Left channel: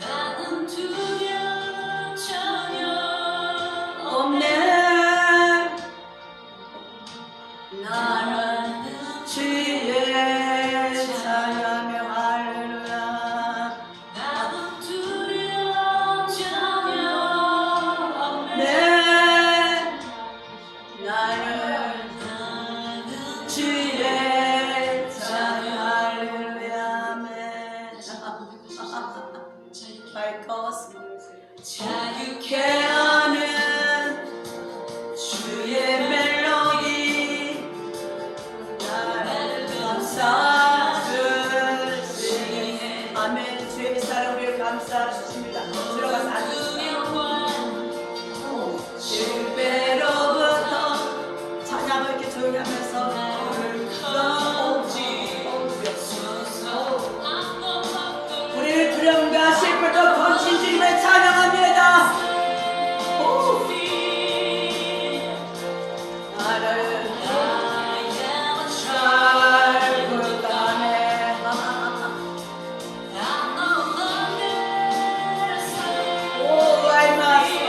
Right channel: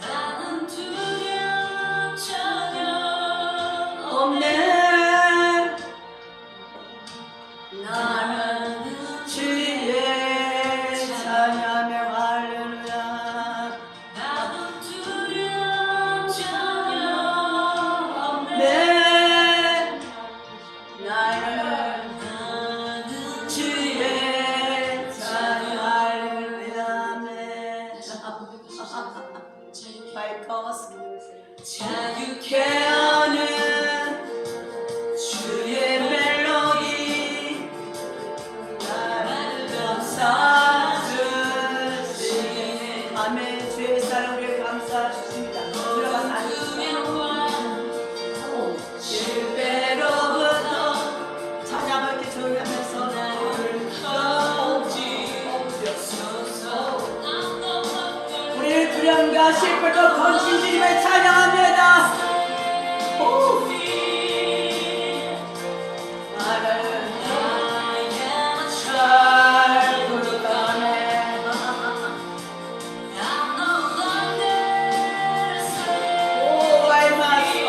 나는 두려움 전혀 없네. 나는 주의 찬양하며 할렐루야. 나는 두려움 전혀 없네 네, 나는 주의 찬양 할렐루야. 아멘. 밝아서 자유케 하는 주의 멜로디 나를 감사주시네. 아멘. 주의 사랑을 감사주십니다. 들어가서 앉으세요. 실패로부터 찬양을 이렇게 조용히 하면서 우리의 두려움과 슬픔도 건진 주님을 찬양합니다. 잘 부르다네. 오, 알마스터.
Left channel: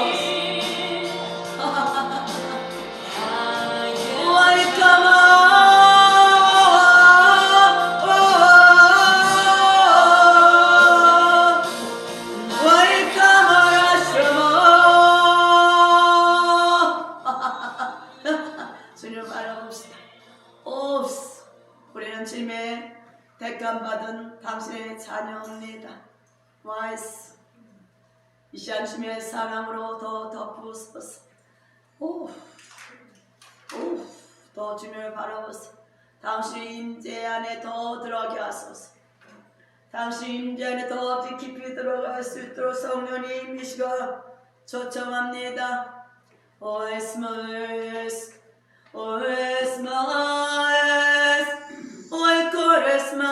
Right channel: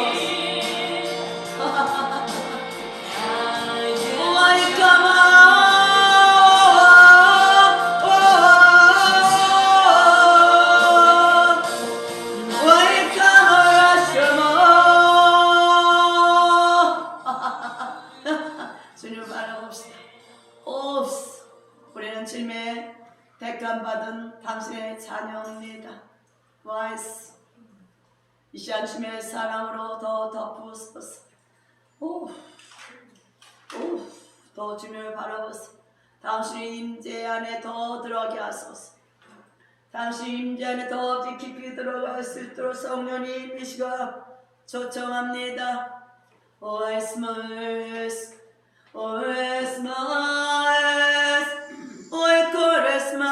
주님 바라봅시다. 옵스, 우리는 주님의 택감받은 당신의 자녀입니다. 와이스, 이 시간 주님의 사랑으로 더 덮으소서. 더 주님을 바라보소. 당신의 임재 안에 더 들어가게 하소서. 당신 임재 안에 더 깊이 들어갈 수 있도록 성령님 임시가 초청합니다. 오에스마에스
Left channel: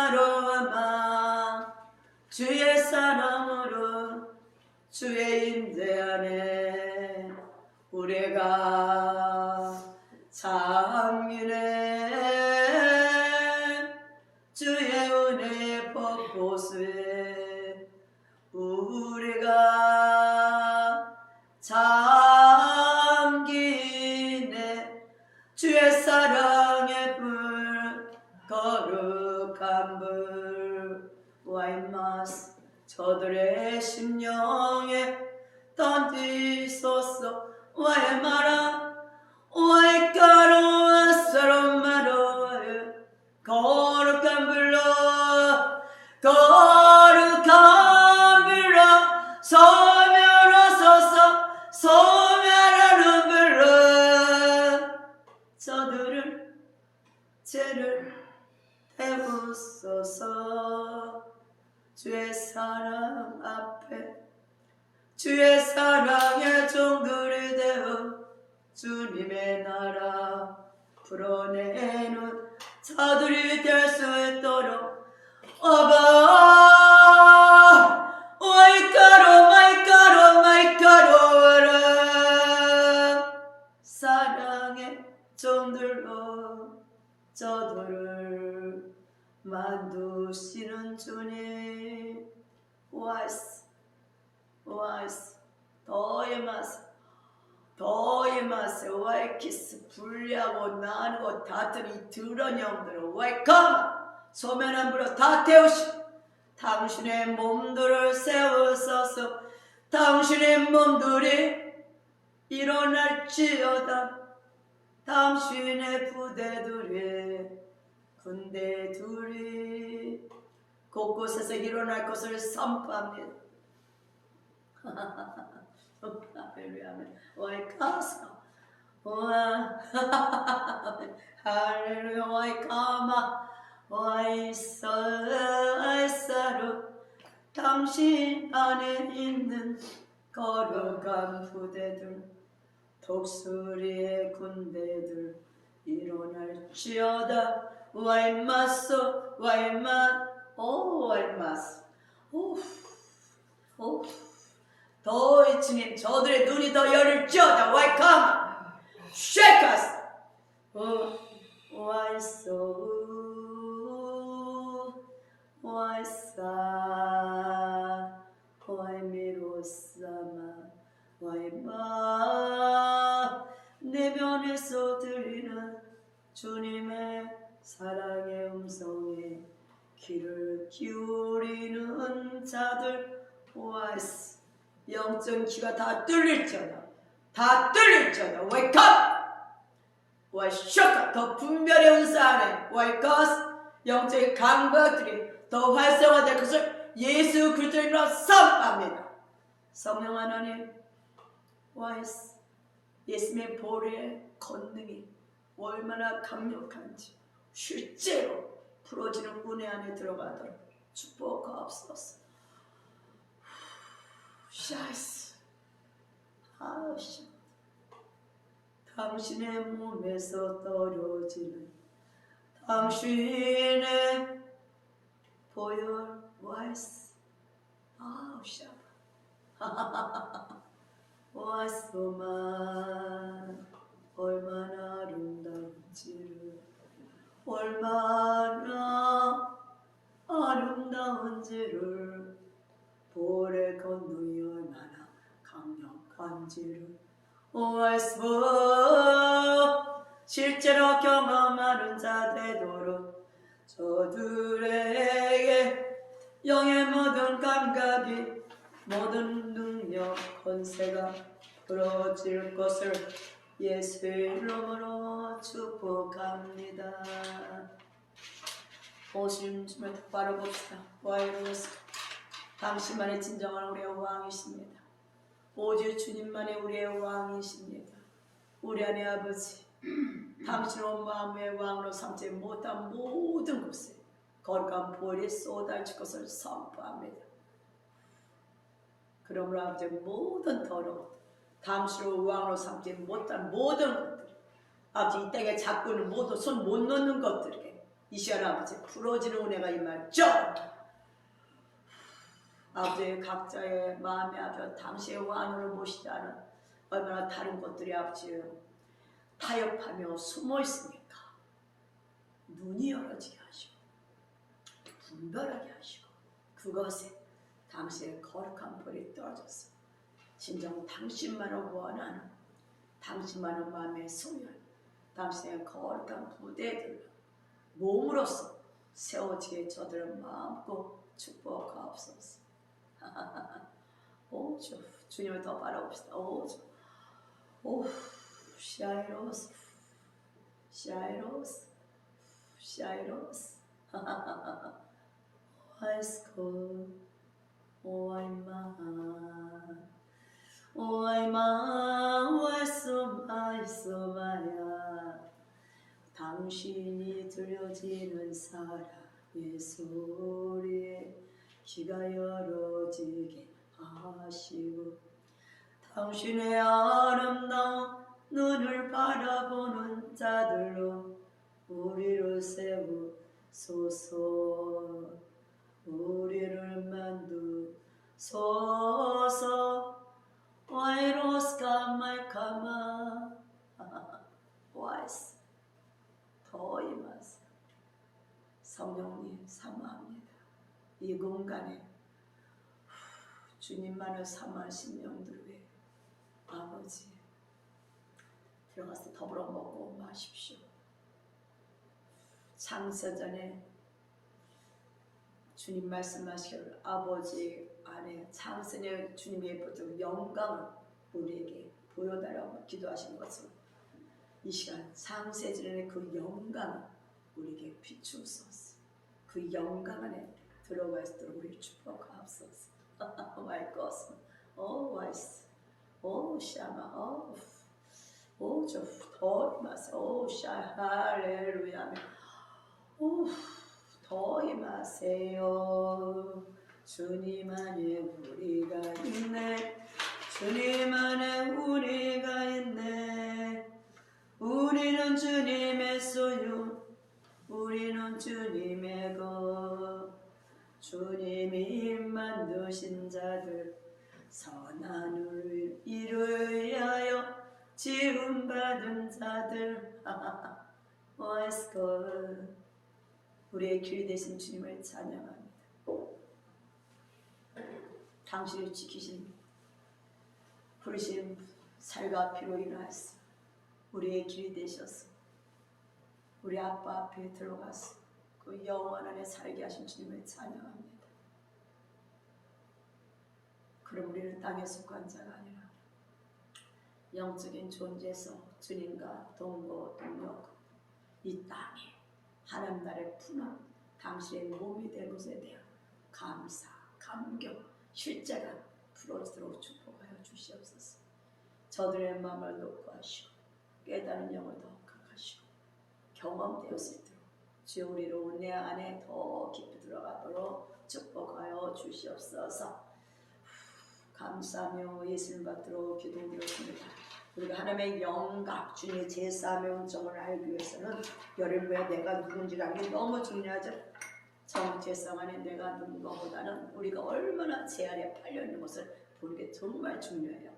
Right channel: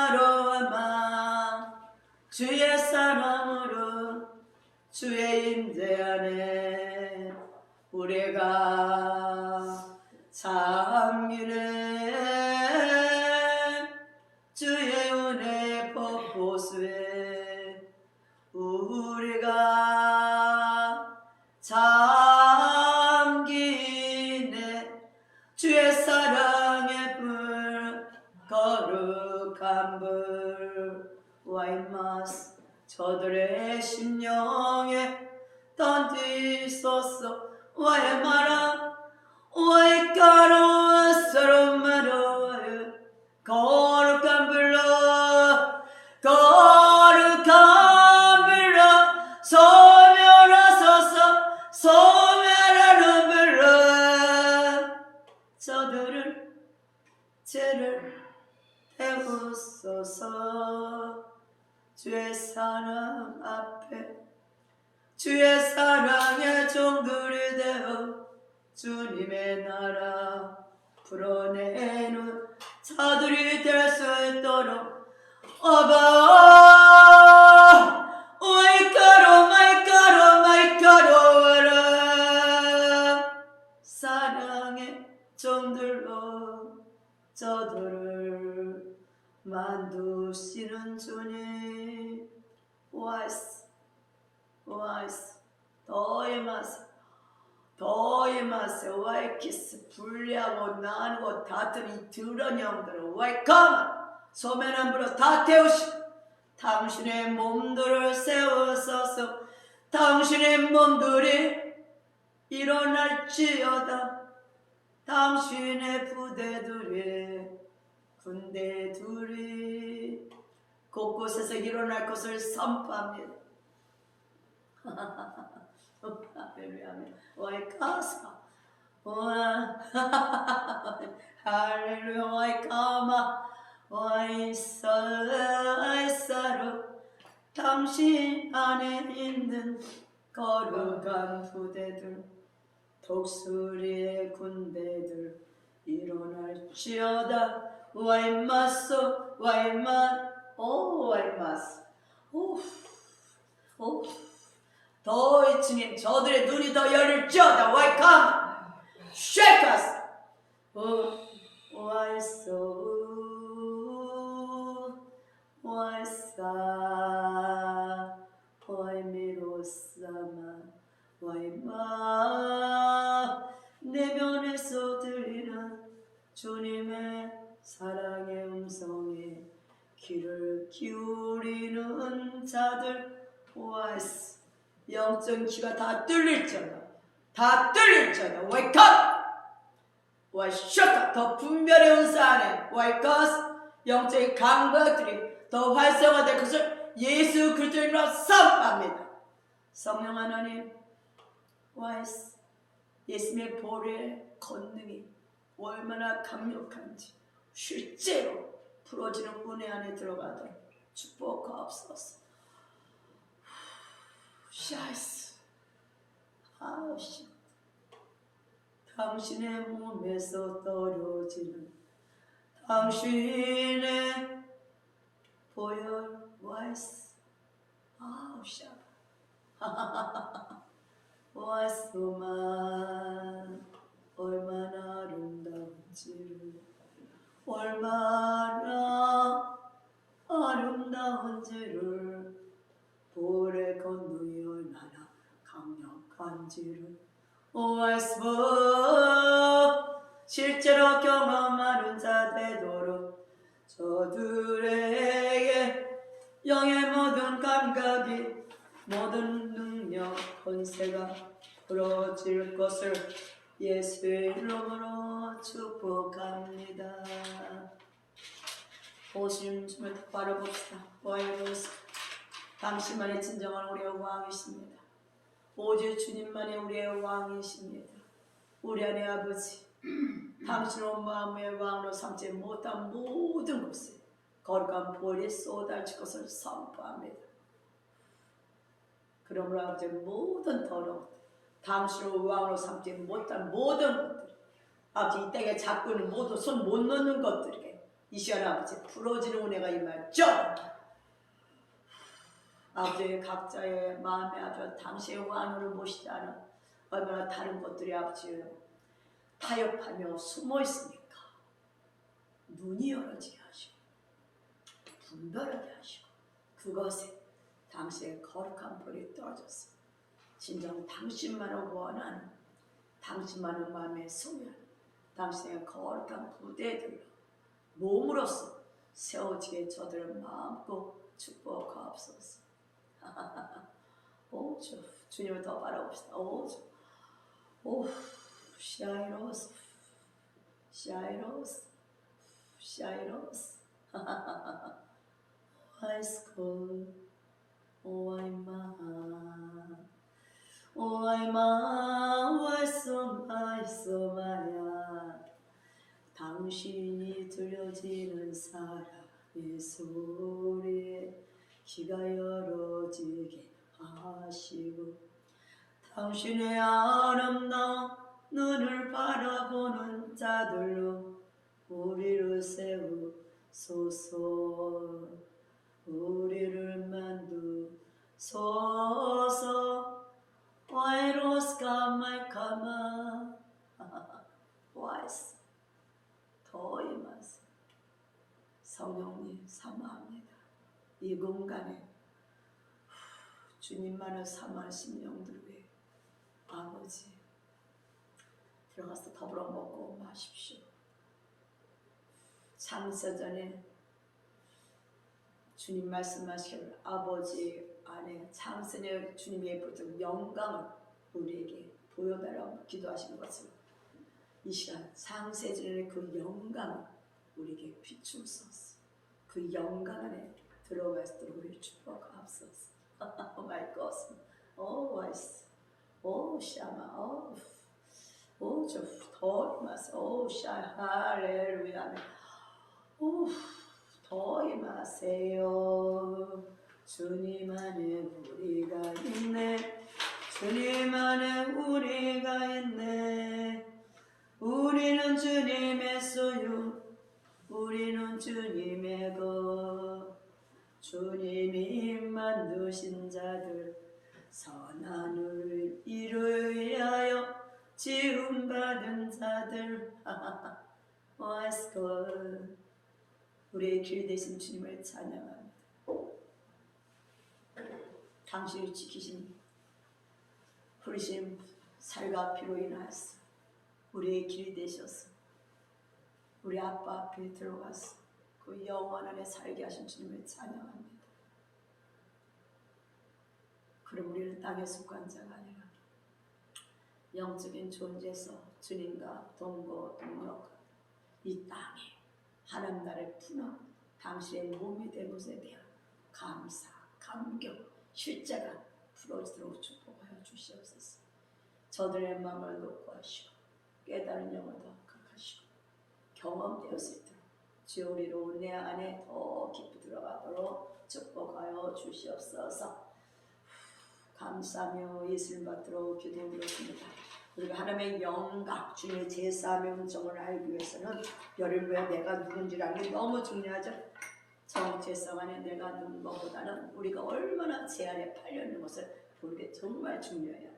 오에코레스마로아마 주의 사랑으로 주의 임재 안에 우리가 잠기네. 주의 은혜 폭포수에 우리가 잠기네. 주의 사랑의 불 거룩한 불 와이마스 저들의 심령에 던지소서. 와이마라 와이카로와 서로마로와요 거룩한 불로 거룩한 불로 소멸하소서. 소멸하는 불로 저들을 죄를 태우소서. 주의 사랑 앞에 주의 사랑의 종들이 되어 주님의 나라 풀어내는 자들이 될 수 있도록 와봐. 오이카로 마이카로 마이카로라. 사랑의 종들로 저들을 만드시는 주님. 와이스 더 임하세. 와이키스 불리하고 나누고 다투는 이 더러운 영들을 와이컴 소면한 불로 다 태우시고 당신의 몸들을 세우소서. 당신의 몸들이 일어날지어다. 당신의 부대들이 군대들이 곳곳에서 일어날 것을 선포합니다. 할렐루야. 와이카사 와 할렐루야. 와이카마 와이사로 당신 안에 있는 거룩한 부대들 독수리의 군대들 일어날지어다. 와이마소 와이마 와이마스 더 주님 저들의 눈이 더 열릴지어다. 와이컴 쉐이커스 와이소 와이사 기울이는 자들 와이스 영적 귀가 다 뚫릴지어다 다 뚫릴지어다 웨이크업 와이셔터 더 분별의 은사 안에 와이커스 영적인 감각들이 더 활성화될 것을 예수 그리스도의 이름으로 선포합니다. 성령 하나님 와이스 예수님의 보혈의 권능이 얼마나 강력한지 실제로 풀어지는 은혜 안에 들어가도록 축복하옵소서. 샤이스 아우씨 당신의 몸에서 떨어지는 당신의 보혈 와이스 아우씨 와이스만 얼마나 아름다운지를 얼마나 아름다운지를 볼의 권능이 얼마나 강력한지를 와이스 실제로 경험하는 자 되도록 저들에게 영의 모든 감각이 모든 능력 권세가 풀어질 것을 예수의 이름으로 축복합니다. 오신 주님을 똑바로 봅시다. 와이러스 당신만이 진정한 우리의 왕이십니다. 오직 주님만이 우리의 왕이십니다. 우리 안의 아버지 당신을 온 마음의 왕으로 삼지 못한 모든 곳에 거룩한 보혈이 쏟아질 것을 선포합니다. 그러므로 아버지 모든 더러움 당신을 왕으로 삼지 못한 모든 것들 아버지 이 땅에 잡고 있는 모든 손 못 놓는 것들에게 이 시간 아버지 풀어지는 은혜가 임하죠. 아버지 각자의 마음에 아버지 당신의 왕으로 모시지 않은 얼마나 다른 것들이 아버지 타협하며 숨어 있으니까 눈이 열어지게 하시고 분별하게 하시고 그것에 당신의 거룩한 불이 떨어졌습니다. 진정 당신만을 원하는 당신만을 마음에 소유하는 당신의 거룩한 부대들로 몸으로서 세워지게 저들은 마음껏 축복하옵소서. 오 주님을 더 바라봅시다. 오 샤이로스 샤이로스 샤이로스 아이스콜 오아이마 와이소마야 당신이 들려지는 사랑의 소리에 귀가 열어지게 하시고 당신의 아름다운 눈을 바라보는 자들로 우리를 세우소서 우리를 만두소서 와이로스가 말카마 와이스 더 임하세요. 성령님 사모합니다. 이 공간에 주님만을 사모하는 심령들 위해 아버지 들어가서 더불어 먹고 마십시오. 창세전에 주님 말씀하실 아버지 안에 창세전에 주님의 보여준 영광을 우리에게 보여달라고 기도하신 것을 이 시간 창세전에 그 영광을 우리에게 비추소서. 그 영광 안에 들어갈 수 있도록 우리 축복하옵소서. 마이 것, 오 와이스, 오 샤마, 오 저 더 임하세요. 오 샤 할렐루야. 오 더 임하세요. 주님 안에 우리가 있네. 주님 안에 우리가 있네. 우리는 주님의 소유. 우리는 주님의 것. 주님이 만드신 자들 선한 일을 위하여 지음받은 자들 와이스걸 우리의 길 되신 주님을 찬양합니다. 당신을 지키신 부르신 살과 피로 인하여서 우리의 길이 되셔서 우리 아빠 앞에 들어가서 그 영원 안에 살게 하신 주님을 찬양합니다. 그럼 우리는 땅에 속한 자가 아니라 영적인 존재에서 주님과 동거 동력 이 땅에 하나님 나라를 푸는 당신의 몸이 된 것에 대한 감사, 감격, 실제가 풀어지도록 축복하여 주시옵소서. 저들의 마음을 높여하시고 깨달은 영을 더 극하시고 경험되었을 때 주여 우리로 내 안에 더 깊이 들어가도록 축복하여 주시옵소서. 감사하며 예수님 받도록 기도드렸습니다. 우리가 하나님의 영각, 주님의 제사명정을 알기 위해서는 여러분의 내가 누군지를 알기 너무 중요하죠. 정체성 안에 내가 누군 것보다는 우리가 얼마나 제 안에 팔려 있는 것을 보는 게 정말 중요해요.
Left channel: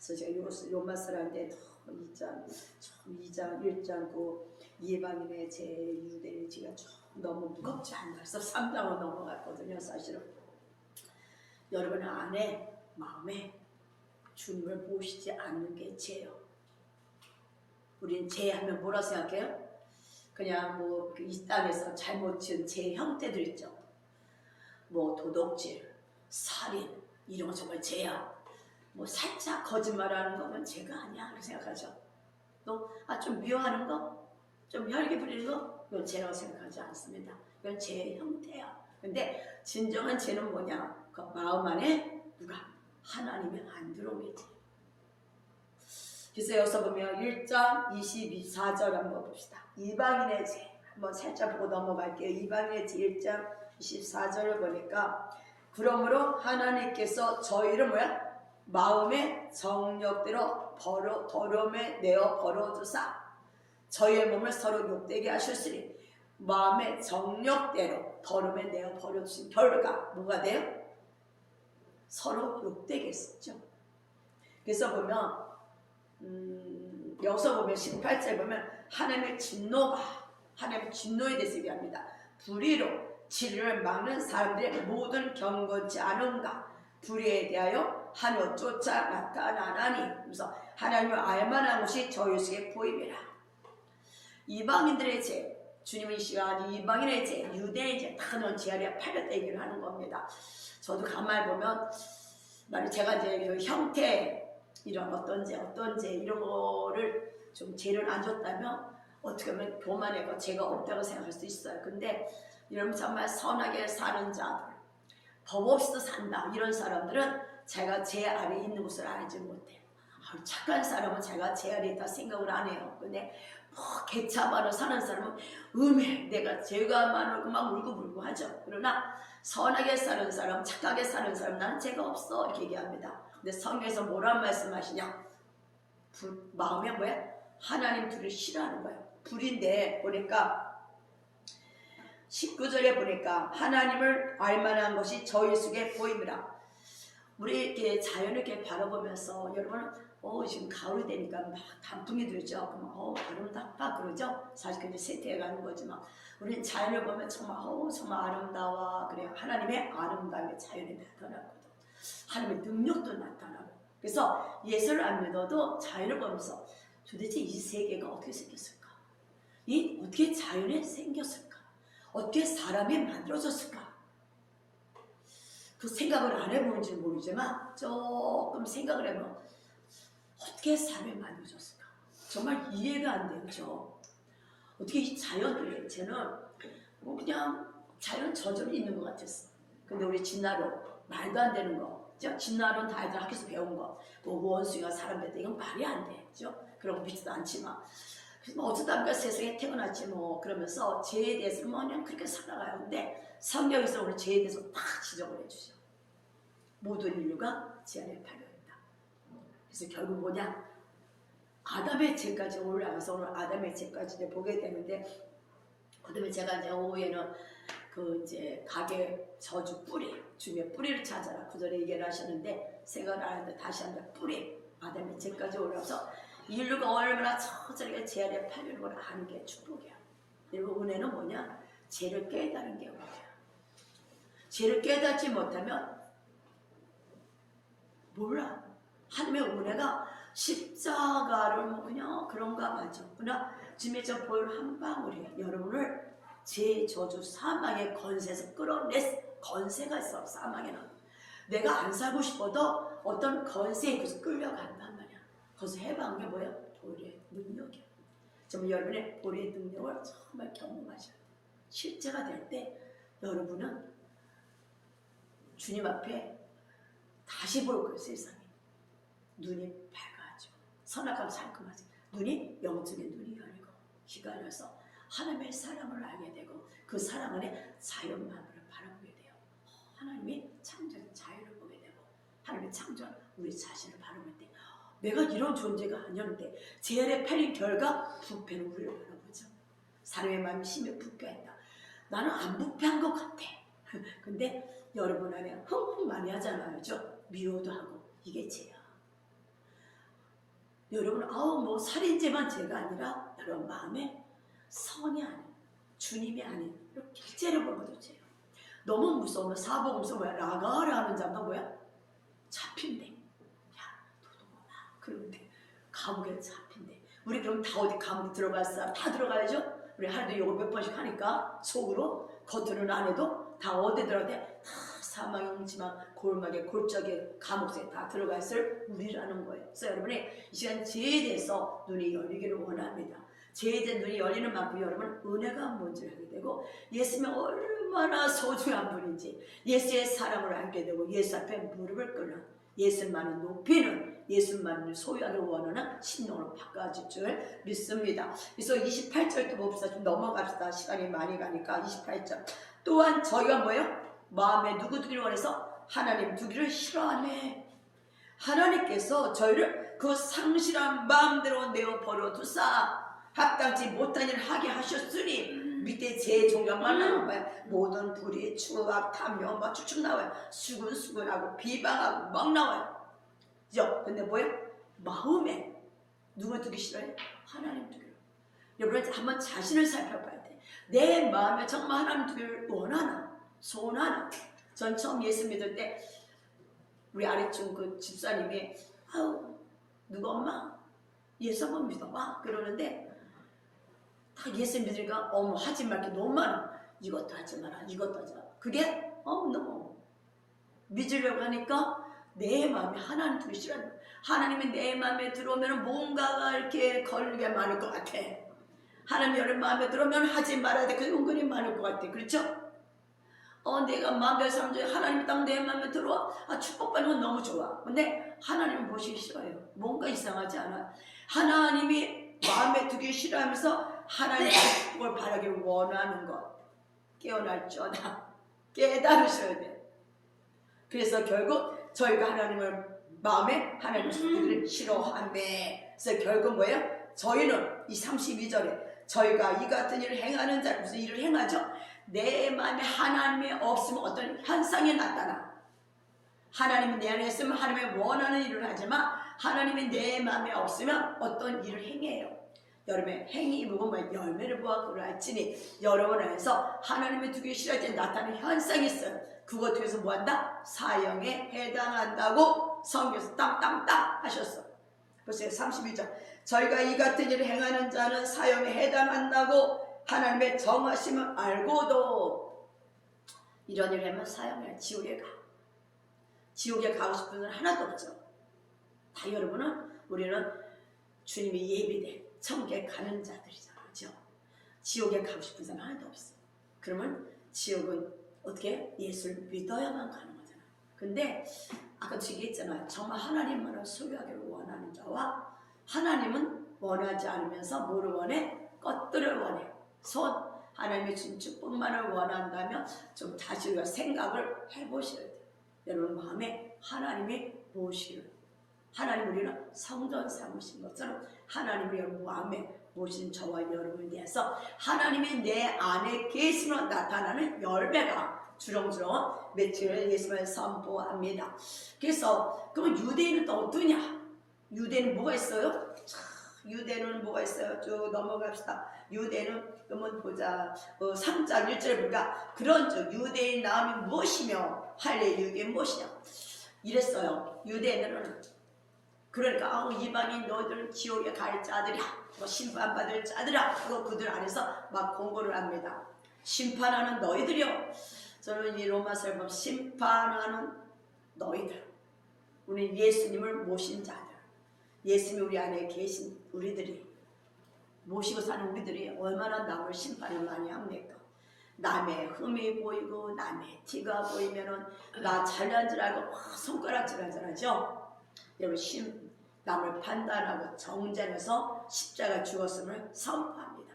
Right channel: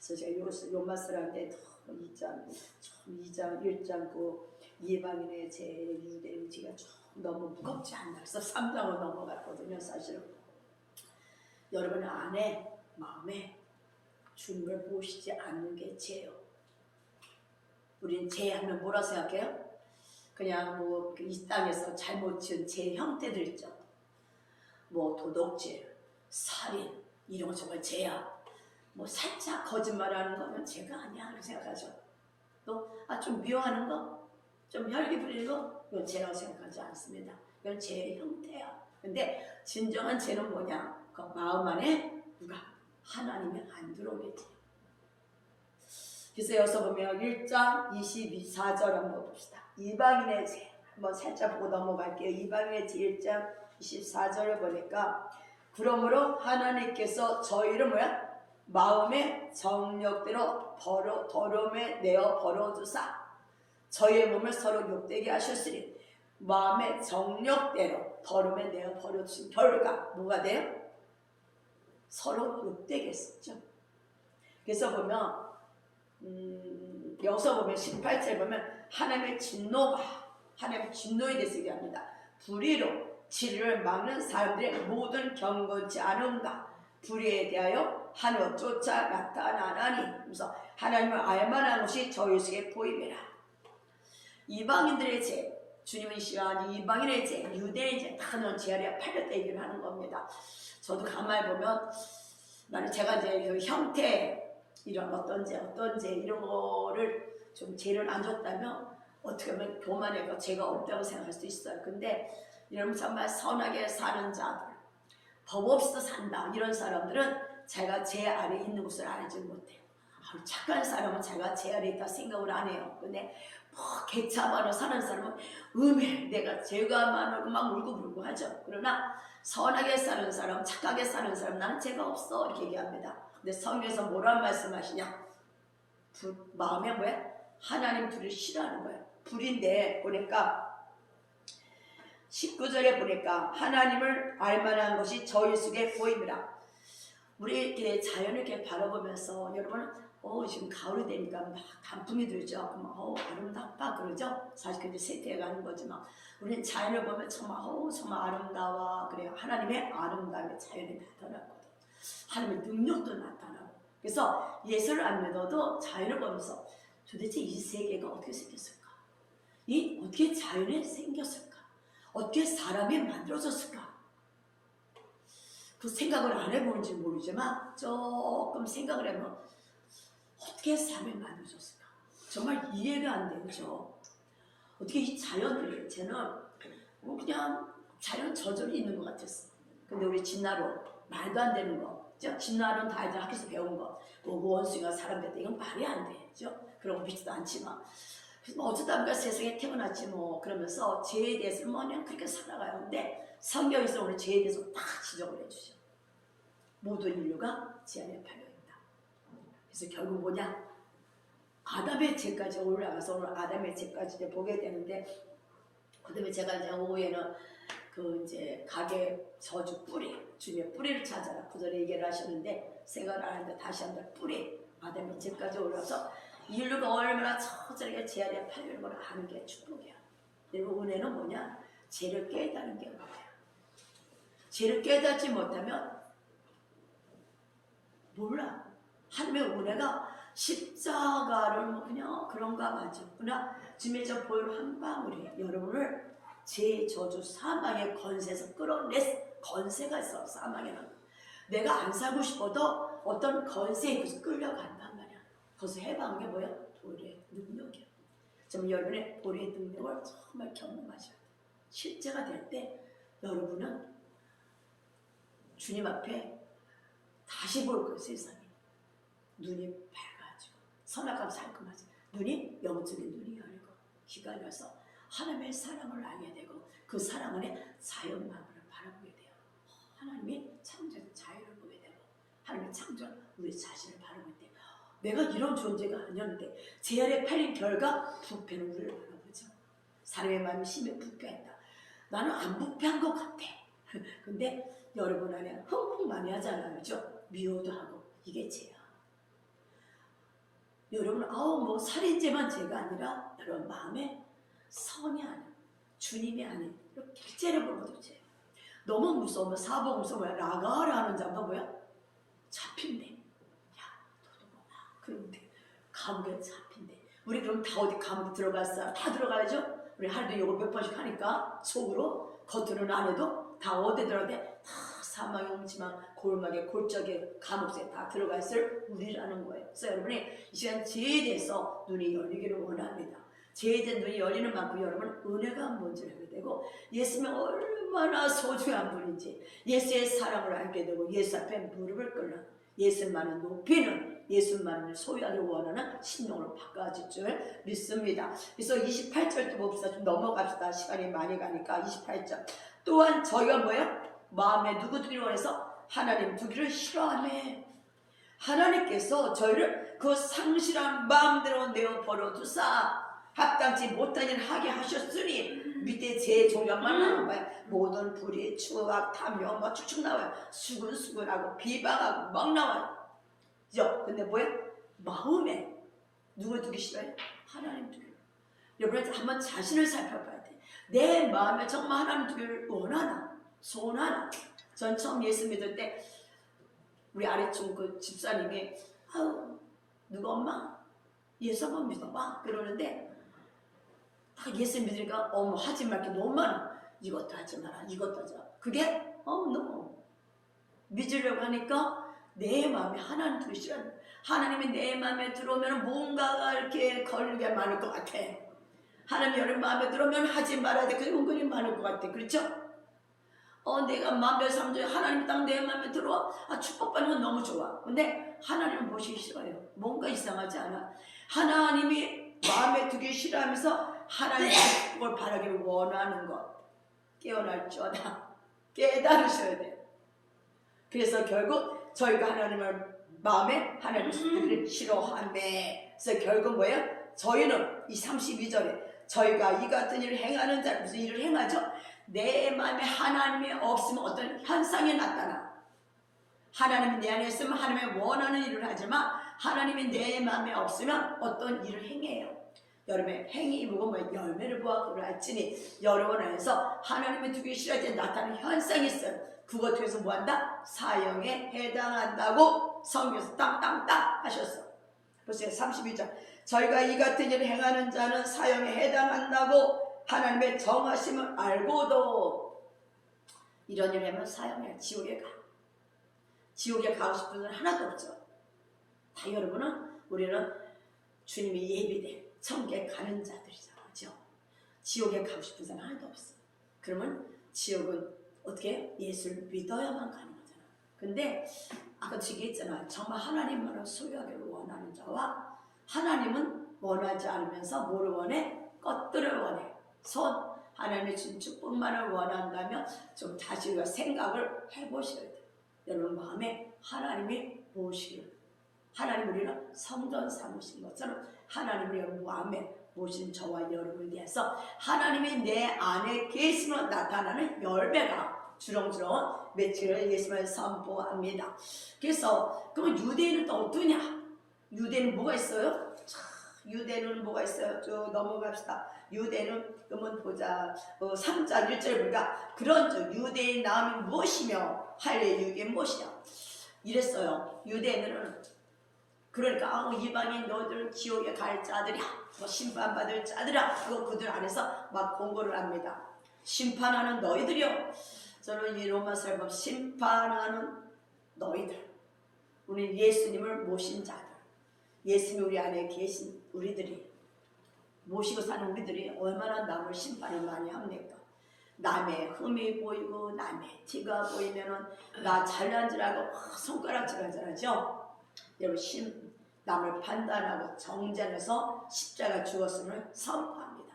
그래서 제가 요마스라한테 2장, 1장 그 이방인의 제 유대인지가 좀 너무 무겁지 않나 해서 3장으로 넘어갔거든요. 사실은 여러분의 안에 마음에 주님을 보시지 않는 게 죄요. 우린 죄하면 뭐라 생각해요? 그냥 뭐 이 땅에서 잘못 지은 죄 형태들 있죠. 뭐 도둑질, 살인 이런 거 정말 죄야. 뭐 살짝 거짓말하는 거면 죄가 아니야 그렇게 생각하죠. 또 좀 미워하는 거, 좀 혈기 부리는 거 이건 죄라고 생각하지 않습니다. 이건 죄의 형태야. 근데 진정한 죄는 뭐냐? 그 마음 안에 누가 하나님이 안 들어오겠지. 그래서 여기서 보면 1장 24절 한번 봅시다. 이방인의 죄 한번 살짝 보고 넘어갈게요. 이방인의 죄 1장 24절을 보니까 그러므로 하나님께서 저희를 뭐야? 마음의 정욕대로 더러움에 내어 버려두사 저희의 몸을 서로 욕되게 하셨으니 마음의 정욕대로 더러움에 내어 버려두신 결과 뭐가 돼요? 서로 욕되게 했었죠. 그래서 보면 여기서 보면 18절 보면 하나님의 진노에 대해서 얘기합니다. 불의로 진리를 막는 사람들의 모든 경건치 않은가 불의에 대하여 하늘 쫓아 나타나나니 그래서 하나님을 알만한 것이 저희 속에 보임이라. 이방인들의 죄, 주님의 시간 이방인의 죄, 유대인의 죄 다 넣은 죄 아래 팔렸다 얘기를 하는 겁니다. 저도 가만히 보면 만약 제가 이제 그 형태 이런 어떤 죄 이런 거를 좀 죄를 안 줬다면 어떻게 보면 교만해가 죄가 없다고 생각할 수도 있어요. 근데 이런 정말 선하게 사는 자들, 법 없이도 산다 이런 사람들은 제가 죄 아래 있는 것을 알지 못해요. 착한 사람은 제가 죄 아래 있다 생각을 안 해요. 근데 뭐 개차반으로 사는 사람은 내가 죄가 많고 막 울고불고 하죠. 그러나 선하게 사는 사람, 착하게 사는 사람 나는 죄가 없어 이렇게 얘기합니다. 근데 성경에서 뭐란 말씀하시냐? 마음에 뭐야? 하나님 불을 싫어하는 거예요. 불인데 보니까 19절에 보니까 하나님을 알만한 것이 저희 속에 보입니다. 우리 이렇게 자연을 이렇게 바라보면서 여러분 지금 가을이 되니까 막 단풍이 들죠. 그럼 아름답다 그러죠. 사실 그게 세태가는 거지만 우리는 자연을 보면 정말 아름다워. 그래요. 하나님의 아름다움의 자연이 나타나거든. 하나님의 능력도 나타나고. 그래서 예수를 안 믿어도 자연을 보면서 도대체 이 세계가 어떻게 생겼을까? 이 어떻게 자연에 생겼을까? 어떻게 사람이 만들어졌을까? 그 생각을 안 해보는지 모르지만 조금 생각을 해보면 어떻게 사람이 만들어졌을까? 정말 이해가 안 되죠. 어떻게 이 자연을 쟤는 그냥 자연 저절이 있는 것 같았어. 근데 우리 진나로 말도 안 되는 거, 진나로는 다 애들 학교에서 배운 거, 뭐 원숭이가 사람 뱉다 이건 말이 안 되죠. 그런 거 믿지도 않지만. 그래서 뭐 어쩌다 보니까 세상에 태어났지 뭐 그러면서 죄에 대해서 뭐 그냥 그렇게 살아가요. 근데 성경에서 오늘 죄에 대해서 딱 지적을 해주죠. 모든 인류가 죄 안에 팔려있다. 그래서 결국 뭐냐? 아담의 죄까지 올라가서 오늘 아담의 죄까지 보게 되는데, 그다음에 제가 이제 오후에는 그 이제 가게 저주 뿌리, 주님의 뿌리를 찾아라 구절에 얘기를 하시는데 생각을 안 했는데 다시 한번 뿌리, 아담의 죄까지 올라서 인류가 얼마나 처절하게 죄 안에 팔리는 걸 아는 게 축복이야. 그리고 은혜는 뭐냐? 죄를 깨닫는 게 은혜야. 죄를 깨닫지 못하면 몰라. 하나님의 은혜가 십자가를 뭐 그냥 그런가 맞아. 그러나 주님의 저 볼 한 방울이 여러분을 제 저주 사망의 권세에서 끌어낼 권세가 있어. 사망에는 내가 안 살고 싶어도 어떤 권세에 그래서 끌려간단 말이야. 거기서 해방한 게 뭐야? 보혈의 능력이야. 정말 여러분의 보혈의 능력을 정말 경험하셔야 돼. 실제가 될 때 여러분은 주님 앞에 다시 볼 거예요. 세상이 눈이 밝아지고 선악과가 살금하지. 눈이 영적인 눈이 열리고 귀가 열려서 하나님의 사랑을 알게 되고 그 사랑 안에 자연만물을 바라보게 돼요. 하나님이 창조해서 자유를 보게 되고 하나님의 창조한 우리 자신을 바라볼 때 내가 이런 존재가 아니었는데 제 안에 팔린 결과 부패는 우리를 바라보죠. 사람의 마음이 심히 부패했다. 나는 안 부패한 것 같아. 근데 여러분 안에 흥흥 많이 하잖아요. 그렇죠? 미워도 하고 이게 죄야. 여러분 뭐 살인죄만 죄가 아니라 여러분 마음에 선이 아닌 주님이 아닌 이렇게 실제로 보고도 죄야. 너무 무서우면 사복음서 뭐야? 라가라는 자가 뭐야? 잡힌대. 야 너도 뭐야? 그런데 감옥에 잡힌대. 우리 그럼 다 어디 감옥 들어갔어? 다 들어가야죠? 우리 하루도 이거 몇 번씩 하니까 속으로 겉으로는 안 해도 다 어디 들어가대? 다 사망의 옹지만 골막에 골짜기에 감옥에 다 들어가 있을 우리라는 거예요. 그래서 여러분이 이 시간 죄에 대해서 눈이 열리기를 원합니다. 죄에 대한 눈이 열리는 만큼 여러분 은혜가 뭔지를 알게 되고 예수님이 얼마나 소중한 분인지 예수의 사랑을 알게 되고 예수 앞에 무릎을 꿇는 예수만을 높이는 예수만을 소유하기 원하는 심령으로 바꿔질 줄 믿습니다. 그래서 28절도 봅시다. 좀 넘어갑시다. 시간이 많이 가니까 28절. 또한 저희가 뭐예요? 마음에 누구 두기를 원해서 하나님 두기를 싫어하네. 하나님께서 저희를 그 상실한 마음대로 내어 버려두사 합당치 못한 일을 하게 하셨으니 밑에 제 종류만 나와봐요. 모든 불의, 추악, 탐욕 막 쭉쭉 나와요. 수근수근하고 비방하고 막 나와요. 그죠? 근데 뭐예요? 마음에 누굴 두기 싫어요? 하나님 두기를. 여러분 한번 자신을 살펴봐야 돼. 내 마음에 정말 하나님 두기를 원하나? 소원하나? 전 처음 예수 믿을 때 우리 아래쪽 그 집사님이 아우 누가 엄마 예수 한번 믿어봐 그러는데 딱 예수 믿으니까 하지 말게 너무 많아. 이것도 하지 마라 이것도 하지 마라. 그게 너무 믿으려고 하니까 내 마음이 하나님 두기 싫어. 하나님이 내 마음에 들어오면 뭔가가 이렇게 걸리게 많을 것 같아. 하나님 여러분 마음에 들어오면 하지 말아야 돼. 그게 은근히 많을 것 같아. 그렇죠? 내가 마음대로 사는 중에 하나님이 딱 내 마음에 들어와. 축복받는 건 너무 좋아. 근데 하나님을 모시기 싫어요. 뭔가 이상하지 않아. 하나님이 마음에 두기 싫어하면서 하나님의 축복을 바라기를 원하는 것. 깨어날 줄 알아. 깨달으셔야 돼. 그래서 결국 저희가 하나님을 마음에 하나님을 두기를 싫어하네. 그래서 결국 뭐예요? 저희는 이 32절에 저희가 이 같은 일을 행하는 자 무슨 일을 행하죠? 내 마음에 하나님이 없으면 어떤 현상이 나타나. 하나님이 내 안에 있으면 하나님의 원하는 일을 하지만 하나님이 내 마음에 없으면 어떤 일을 행해요. 여러분의 행위 보면 열매를 보아 그러할지니 여러분 안에서 하나님이 두기 싫어할 때 나타나는 현상이 있어요. 그것 통해서 뭐한다? 사형에 해당한다고 성경에서 땅땅땅 하셨어. 그래서 32절 저희가 이 같은 일을 행하는 자는 사형에 해당한다고 하나님의 정하심을 알고도 이런 일을 하면 사형을 지옥에 가. 지옥에 가고 싶은 건 하나도 없죠. 다 여러분은 우리는 주님이 예비된 천국에 가는 자들이잖아요. 그렇죠? 지옥에 가고 싶은 사람 하나도 없어. 그러면 지옥은 어떻게 예수를 믿어야만 가는 거잖아. 근데 아까 얘기했잖아. 정말 하나님만을 소유하기를 원하는 자와 하나님은 원하지 않으면서 뭐를 원해? 것들을 원해. 하나님의 준 축복만을 원한다면 좀 다시 우리가 생각을 해보셔야 돼요. 여러분 마음에 하나님이 무엇이를 하나님 우리는 성전 삼으신 것처럼 하나님을 여러분 마음에 모신 저와 여러분에 대해서 하나님이 내 안에 계시로 나타나는 열매가 주렁주렁 맺히기를 예수님을 선포합니다. 그래서 그럼 유대인은 또 어떠냐? 유대는 뭐가 있어요? 유대는 뭐가 있어요? 쭉 넘어갑시다. 유대는 그러면 보자. 3장 1절에 보니까 그런 유대인 나음이 무엇이며 할례 유대인 무엇이냐? 이랬어요. 유대인은 그러니까 이방인 너희들은 지옥에 갈 자들이야. 심판받을 자들이야. 그거 그들 안에서 막 공고를 합니다. 심판하는 너희들이요. 저는 이 로마서를 보면 심판하는 너희들. 우리 예수님을 모신 자들. 예수님이 우리 안에 계신 우리들이 모시고 사는 우리들이 얼마나 남을 심판을 많이 합니까? 남의 흠이 보이고 남의 티가 보이면은 나 잘난 줄 알고 손가락질 하죠. 여러분 남을 판단하고 정죄해서 십자가 죽었음을 선포합니다.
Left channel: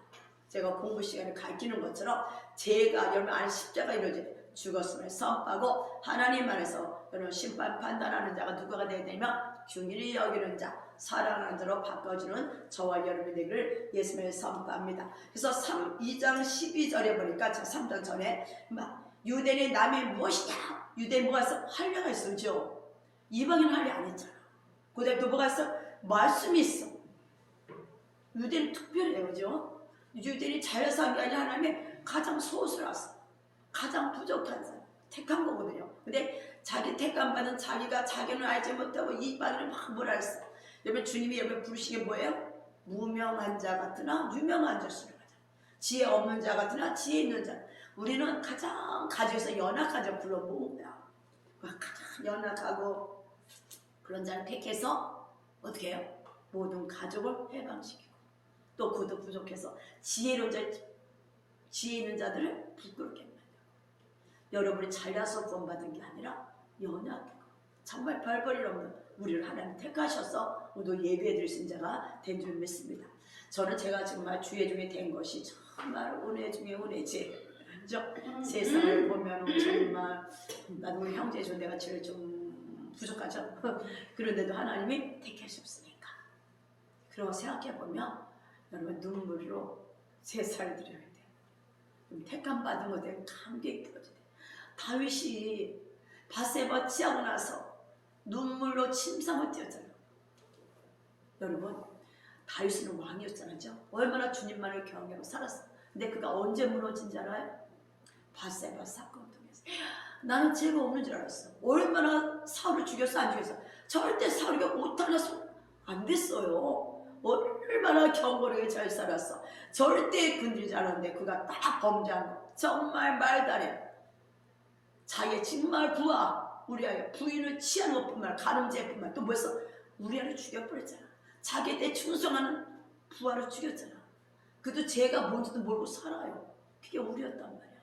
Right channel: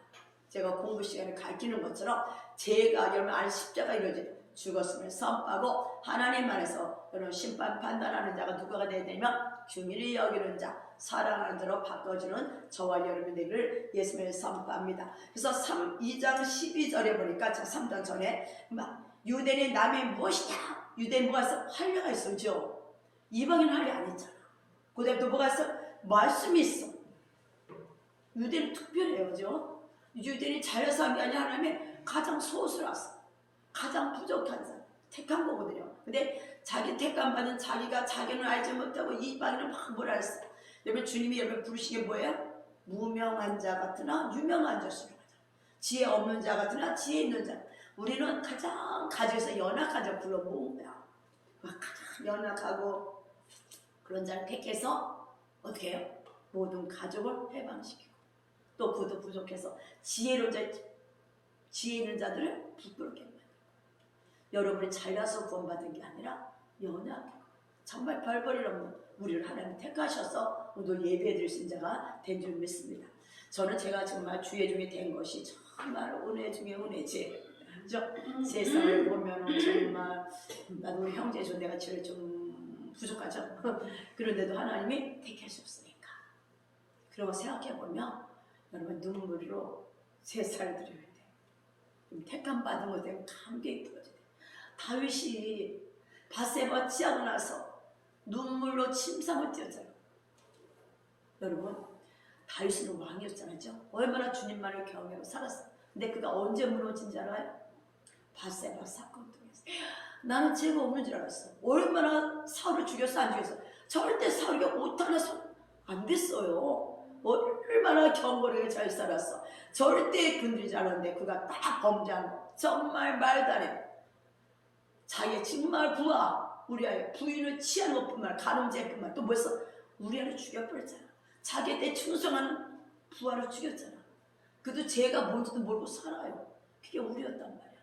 제가 공부 시간에 가르치는 것처럼 제가 여러분 안에 십자가 이루어져 죽었음을 선포하고 하나님 안에서 여러분 심판 판단하는 자가 누가 되어야 되냐면 긍휼히 여기는 자, 사랑하는 자로 바꿔주는 저와 여러분이 되기를 예수님의 선포합니다. 그래서 2장 12절에 보니까 저 3장 전에 유대인의 남이 무엇이냐? 유대인 뭐가 있어? 할례가 있었죠. 이방인은 할례 안 했잖아. 그다음에 또 뭐가 있어? 말씀이 있어. 유대인은 특별해요. 그죠? 유대인이 잘해서 한 게 아니라 하나님의 가장 소수라서 가장 부족한 사람 택한 거거든요. 근데 자기 택감 받은 자기가 자기는 알지 못하고 이방인은 막 뭐라 했어. 여러분 주님이 여러분 부르신 게 뭐예요? 무명한 자 같으나 유명한 자수를 하자. 지혜 없는 자 같으나 지혜 있는 자. 우리는 가장 가족에서 연약한 자 불러 모은 거야. 가장 연약하고 그런 자를 택해서 어떻게 해요? 모든 가족을 해방시키고 또 그것도 부족해서 지혜 있는 자들을 부끄럽게 합니다. 여러분이 잘나서 구원받은 게 아니라 연약하고 정말 별볼일 없는 우리를 하나님 택하셔서 오늘 예배에 드릴 수 있는 자가 된 줄 믿습니다. 저는 제가 정말 주의 중에 된 것이 정말 은혜 중에 은혜지. 세상을 보면 정말 나도 우리 형제 중 내가 제일 좀 부족하죠. 그런데도 하나님이 택하셨으니까. 그러고 생각해보면 여러분 눈물로 제사를 드려야 돼요. 택함 받은 것에 감격이 부어져야 돼요. 다윗이 밧세바 취하고 나서 눈물로 침상을 띄었잖아요. 여러분 다윗은 왕이었잖아요. 얼마나 주님만을 경외하고 살았어요. 근데 그가 언제 무너진 줄 알아요? 밧세바 사건 통해서. 나는 죄가 없는 줄 알았어. 얼마나 사울을 죽였어 안 죽였어? 절대 사울이 옷 하나 안 됐어요. 얼마나 경건하게 잘 살았어. 절대 건드리지 않았는데 그가 딱 범죄한 거. 정말 말도 안 해. 자기 정말 우리 아이 부인을 취한 것뿐만 아니라 가늠죄뿐만 또 뭐였어? 우리 아이를 죽여버렸잖아. 자기에 대해 충성하는 부하를 죽였잖아. 그도 죄가 뭔지도 모르고 살아요. 그게 우리였단 말이야.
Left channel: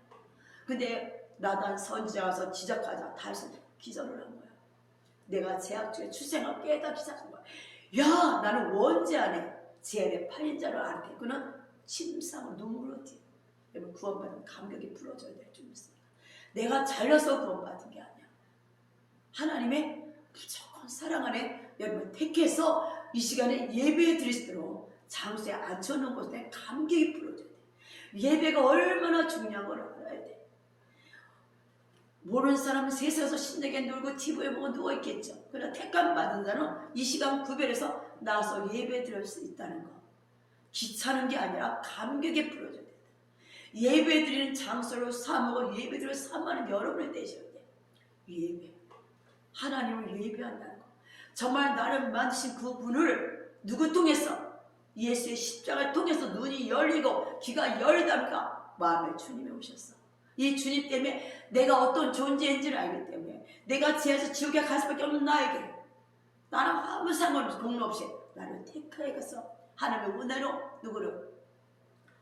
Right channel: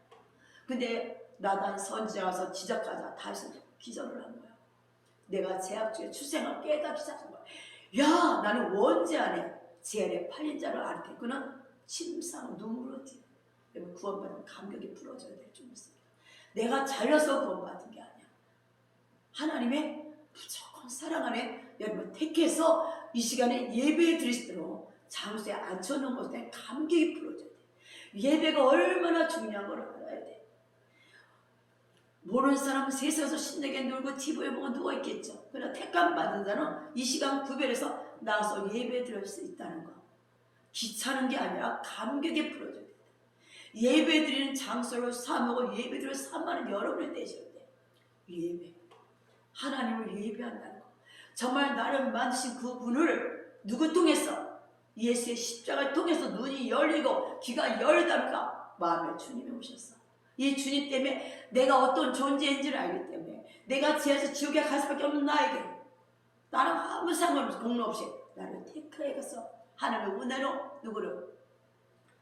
근데 나단 선지자 와서 지적하자. 다시 기절을 한 거야. 내가 죄악 중에 출생을 깨닫기 시작한 거야. 야, 나는 원죄 안에 죄 안에 팔린 자를 알게. 그는 침상 눈물로 뛰어. 여러분 구원받은 감격이 불어져야 될 줄 믿습니다. 내가 잘려서 구원받은 게 아니야. 하나님의 무조건 사랑 안에 여러분 택해서 이 시간에 예배에 드리시도록 장소에 앉혀놓은 것에 감격이 불어져야 돼. 예배가 얼마나 중요한 걸 알아야 돼. 모르는 사람은 세상에서 신나게 놀고 TV에 보고 누워있겠죠. 그러나 택감 받은 자는 이 시간 구별해서 나와서 예배 드릴 수 있다는 거. 귀찮은 게 아니라 감격에 불어져야 돼. 예배 드리는 장소를 삼고 예배 드리는 삼하는 여러분이 되셔야 돼. 예배. 하나님을 예배한다는 거. 정말 나를 만드신 그 분을 누구 통해서? 예수의 십자가를 통해서 눈이 열리고 귀가 열다니까 마음에 주님이 오셨어. 이 주님 때문에 내가 어떤 존재인지를 알기 때문에 내가 죄에서 지옥에 갈 수밖에 없는 나에게 나랑 아무 상관없이 공로 없이 나를 택하게 가서 하나님의 은혜로 누구를?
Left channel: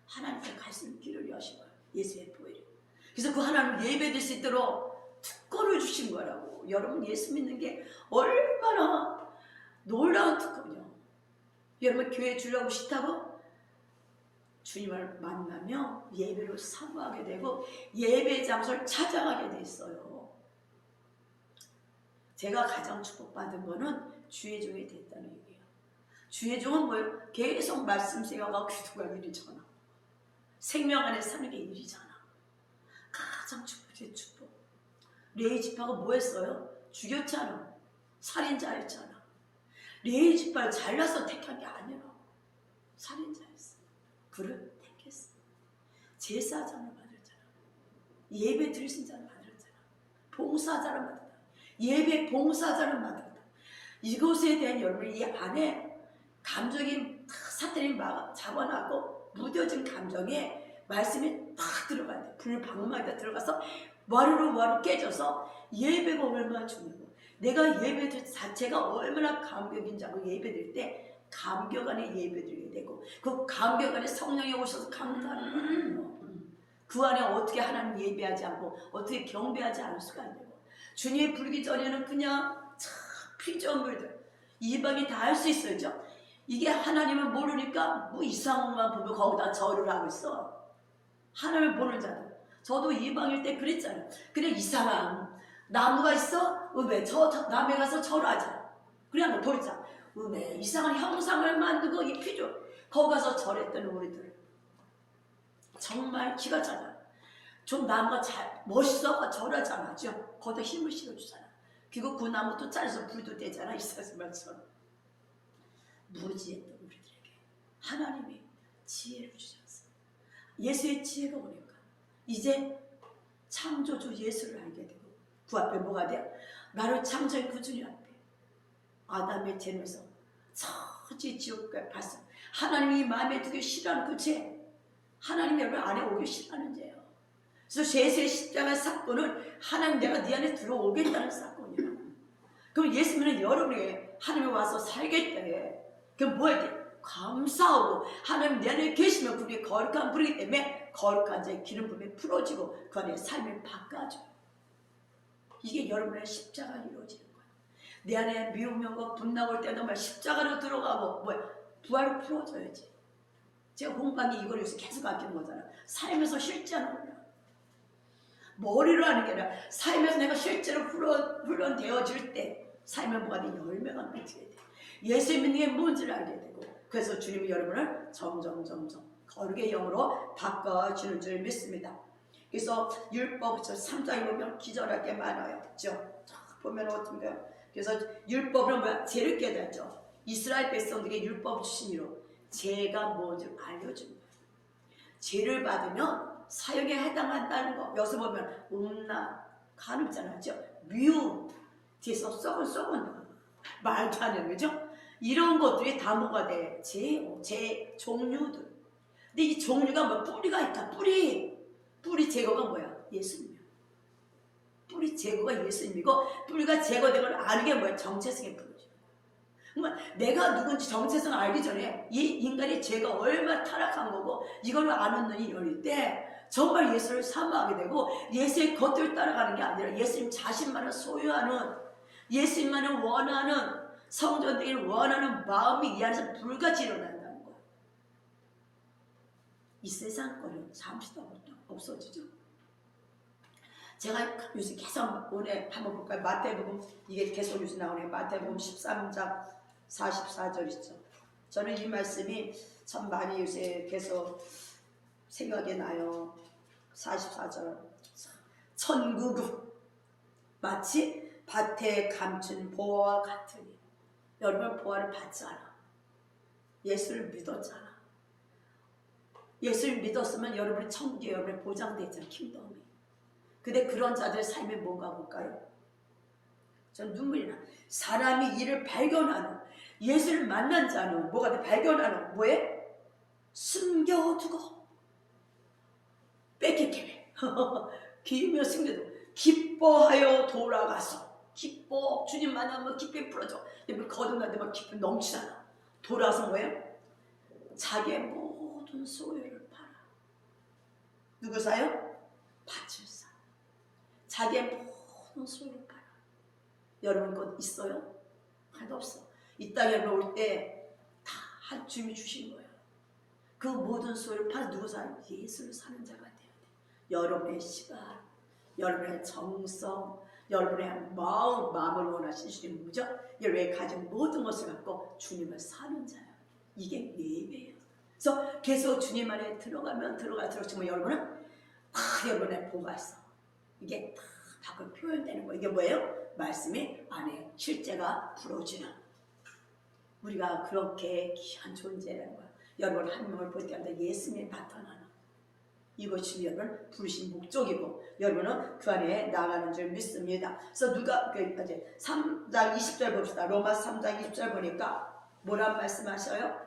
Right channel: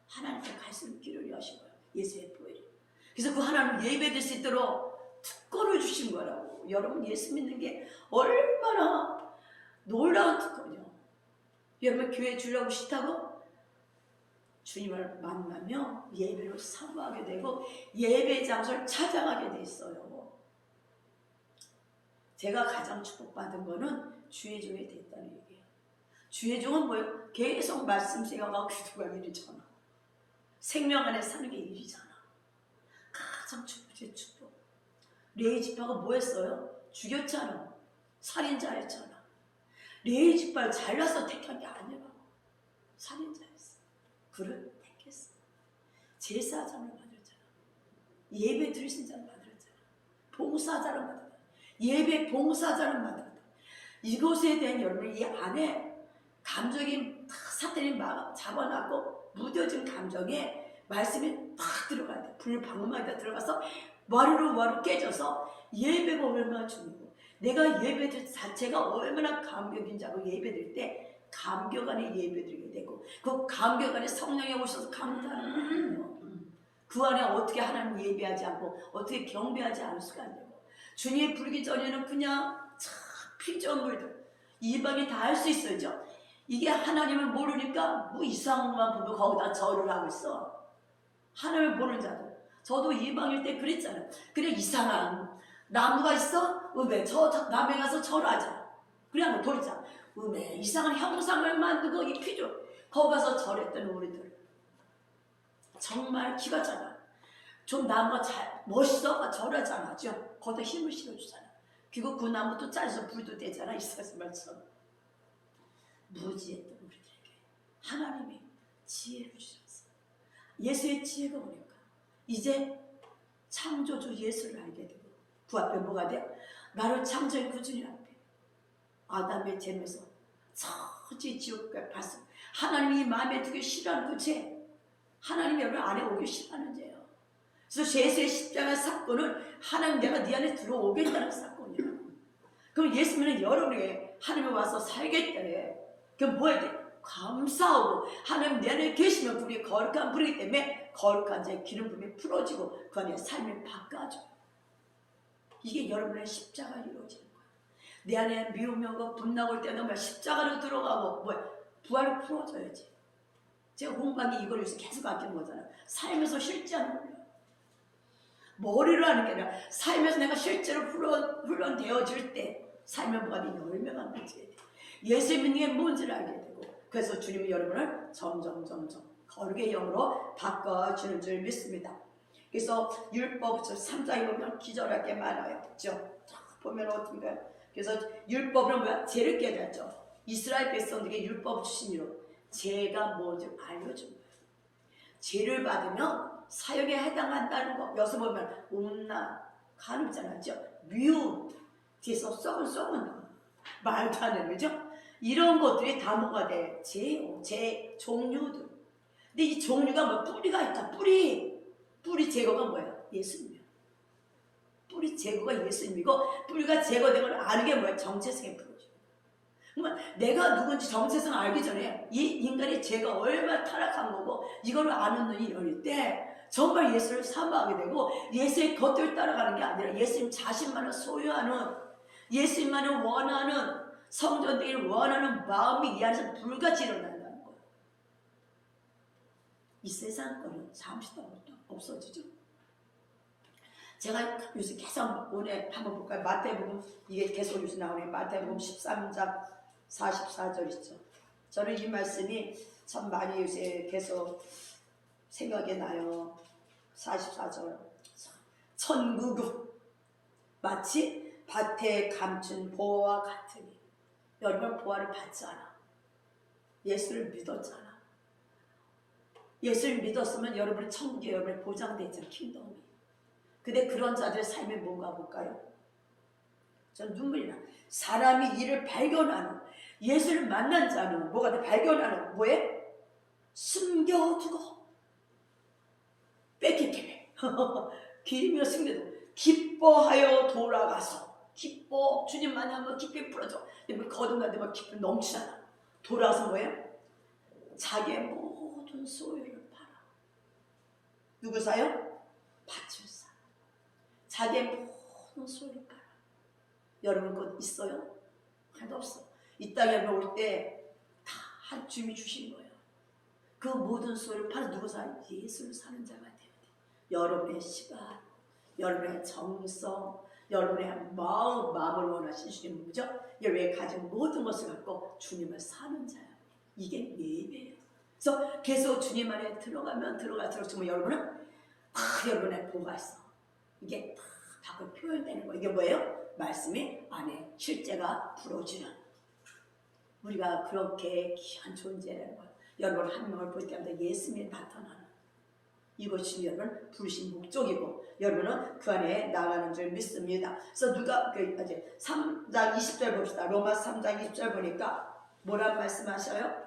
하나님께 갈 수 있는 길을 여신 거예요. 예수의 보혈이. 그래서 그 하나님 예배될 수 있도록 특권을 주신 거라고. 여러분 예수 믿는 게 얼마나 놀라운 특권이요. 여러분 교회 주려고 싫다고? 주님을 만나며 예배로 사모하게 되고 예배 장소를 찾아가게 돼 있어요. 제가 가장 축복받은 거는 주의 종이 됐다는 얘기예요. 주의 종은 뭐예요? 계속 말씀 생각하고 기도가 일이잖아. 생명 안에 사는 게 일이잖아. 가장 축복의 축복. 레위 지파가 뭐 했어요? 죽였잖아. 살인자였잖아. 레위 지파를 잘라서 택한 게 아니라 살인자였어. 그를 택했어. 제사장을 만들었잖아. 예배 드리신 자를 만들었잖아. 봉사자를 만들었다. 예배 봉사자를 만들었다. 이것에 대한 여러분 이 안에 감정이 사탄이 막 잡아놨고 무뎌진 감정에 말씀이 딱 들어가야 돼. 불 방망이에 들어가서 와르르 깨져서 예배가 얼마나 중요하고 내가 예배 자체가 얼마나 감격인지 알고 예배드릴 때 감격 안에 예배드리게 되고 그 감격 안에 성령이 오셔서 감탄하는 거예요. 그 안에 어떻게 하나님 예배하지 않고 어떻게 경배하지 않을 수가 있냐고. 주님이 부르기 전에는 그냥 참 피조물들 이방이 다 할 수 있어요. 이게 하나님을 모르니까 뭐 이상한 것만 보고 거기다 절을 하고 있어. 하나님을 모르는 자들. 저도 이방일 때 그랬잖아요. 그냥 이상한 나무가 있어? 왜? 저 남에 가서 절하자. 그냥 돌자. 왜? 이상한 형상을 만들고 이 피조. 거기 가서 절했던 우리들. 정말 기가 차다. 좀 나무가 잘 멋있어? 절하지 않았죠? 거기다 힘을 실어주잖아. 그리고 그 나무도 잘라서 불도 되잖아. 이사스말처럼. 무지했던 우리들에게 하나님이 지혜를 주셨어. 예수의 지혜가 오니까 이제 창조주 예수를 알게 되고 그 앞에 뭐가 돼요? 나를 창조한 그 주님 앞에 아담의 죄에서 저지 지옥까지 봤어. 하나님이 마음에 두기 싫어하는 그 죄, 하나님이 여러분 안에 오기 싫어하는 죄예요. 그래서 예수의 십자가 사건은 하나님 내가 네 안에 들어오겠다는 사건이에요. 그럼 예수님은 여러분에게 하나님이 와서 살겠대. 그럼 뭐 해야 돼? 감사하고 하나님 내 안에 계시면 그게 거룩한 불이기 때문에 거룩한 자의 기름 부음이 풀어지고 그 안에 삶이 바꿔져. 이게 여러분의 십자가로 이루어지는 거야. 내 안에 미움이 오고 분나고 올 때는 십자가로 들어가고 뭐야? 부활로 풀어져야지. 제가 홍반이 이걸 위해서 계속 아끼는 거잖아. 삶에서 실제하는 거야. 머리로 하는 게 아니라 삶에서 내가 실제로 훈련되어질 때 삶의 뭐가 돼? 열매가 맺혀야 돼. 예수 믿는 게 뭔지를 알게 되고 그래서 주님이 여러분을 점점 거룩의 영으로 바꿔주는 줄 믿습니다. 그래서 율법 3장에 보면 기절할 게 많아요. 그렇죠? 보면 어떤가요? 그래서 율법은 뭐야? 죄를 깨닫죠. 이스라엘 백성들에게 율법 주심으로 죄가 뭔지 알려준 거예요. 죄를 받으면 사형에 해당한다는 거. 여기서 보면 음란, 간음잖아요. 미움, 뒤에서 썩은 말도 안 되는 거죠. 이런 것들이 다 뭐가 돼? 죄 종류들. 근데 이 종류가 뭐 뿌리가 있다. 뿌리 제거가 뭐야? 예수님이야. 뿌리 제거가 예수님이고 뿌리가 제거되면 아는 게 뭐야? 정체성의 뿌리죠. 그러니까 내가 누군지 정체성 알기 전에 이 인간의 죄가 얼마나 타락한 거고 이걸 아는 눈이 열릴 때 정말 예수를 사모하게 되고 예수의 겉을 따라가는 게 아니라 예수님 자신만을 소유하는 예수님만을 원하는 성전되기를 원하는 마음이 이 안에서 불같이 일어난다는 거예요. 이 세상 거는 잠시 더 없어지죠. 제가 요새 계속 오늘 한번 볼까요? 마태복음 이게 계속 요새 나오네요. 마태복음 13장 44절 있죠. 저는 이 말씀이 참 많이 요새 계속 생각이 나요. 44절 천국은 마치 밭에 감춘 보화와 같으니 여러분 보화를 받지 않아. 예수를 믿었잖아. 예수를 믿었으면 여러분의 천국에 여러분의 보장되잖아. 킹덤이. 근데 그런 자들의 삶이 뭔가 볼까요? 전 눈물이 나. 사람이 이를 발견하는 예수를 만난 자는 뭐가 돼? 발견하는 뭐에? 숨겨두고 뺏기게 기름으로 숨겨두고 기뻐하여 돌아가서 기뻐 주님 만나면 기쁨이 풀어져. 거듭나는데 막 기쁨이 넘치잖아. 돌아서 뭐예요? 자기의 모든 소유를 팔아. 누구 사요? 밭을 사. 자기의 모든 소유를 팔아. 여러분 것 있어요? 하나도 없어. 이 땅에 올 때 다 주님이 주신 거예요. 그 모든 소유를 팔아 누구 사요? 예수를 사는 자가 돼야 돼. 여러분의 시간, 여러분의 정성, 여러분의 마음을 원하신 주님 뭐죠? 여러분의 가진 모든 것을 갖고 주님을 사는 자예요. 이게 예배예요. 그래서 계속 주님 안에 들어가면 정말 여러분은 여러분의 보가 있어. 이게 다 밖으로 표현되는 거예요. 이게 뭐예요? 말씀이 안에 실제가 풀어지는. 우리가 그렇게 귀한 존재라는 거예요. 여러분 한 명을 볼 때마다 예수님이 나타나는 이것이 여러분 부르신 목적이고 여러분은 그 안에 나가는 줄 믿습니다. 그래서 누가 3장 20절 봅시다. 로마 3장 20절 보니까 뭐란 말씀하셔요?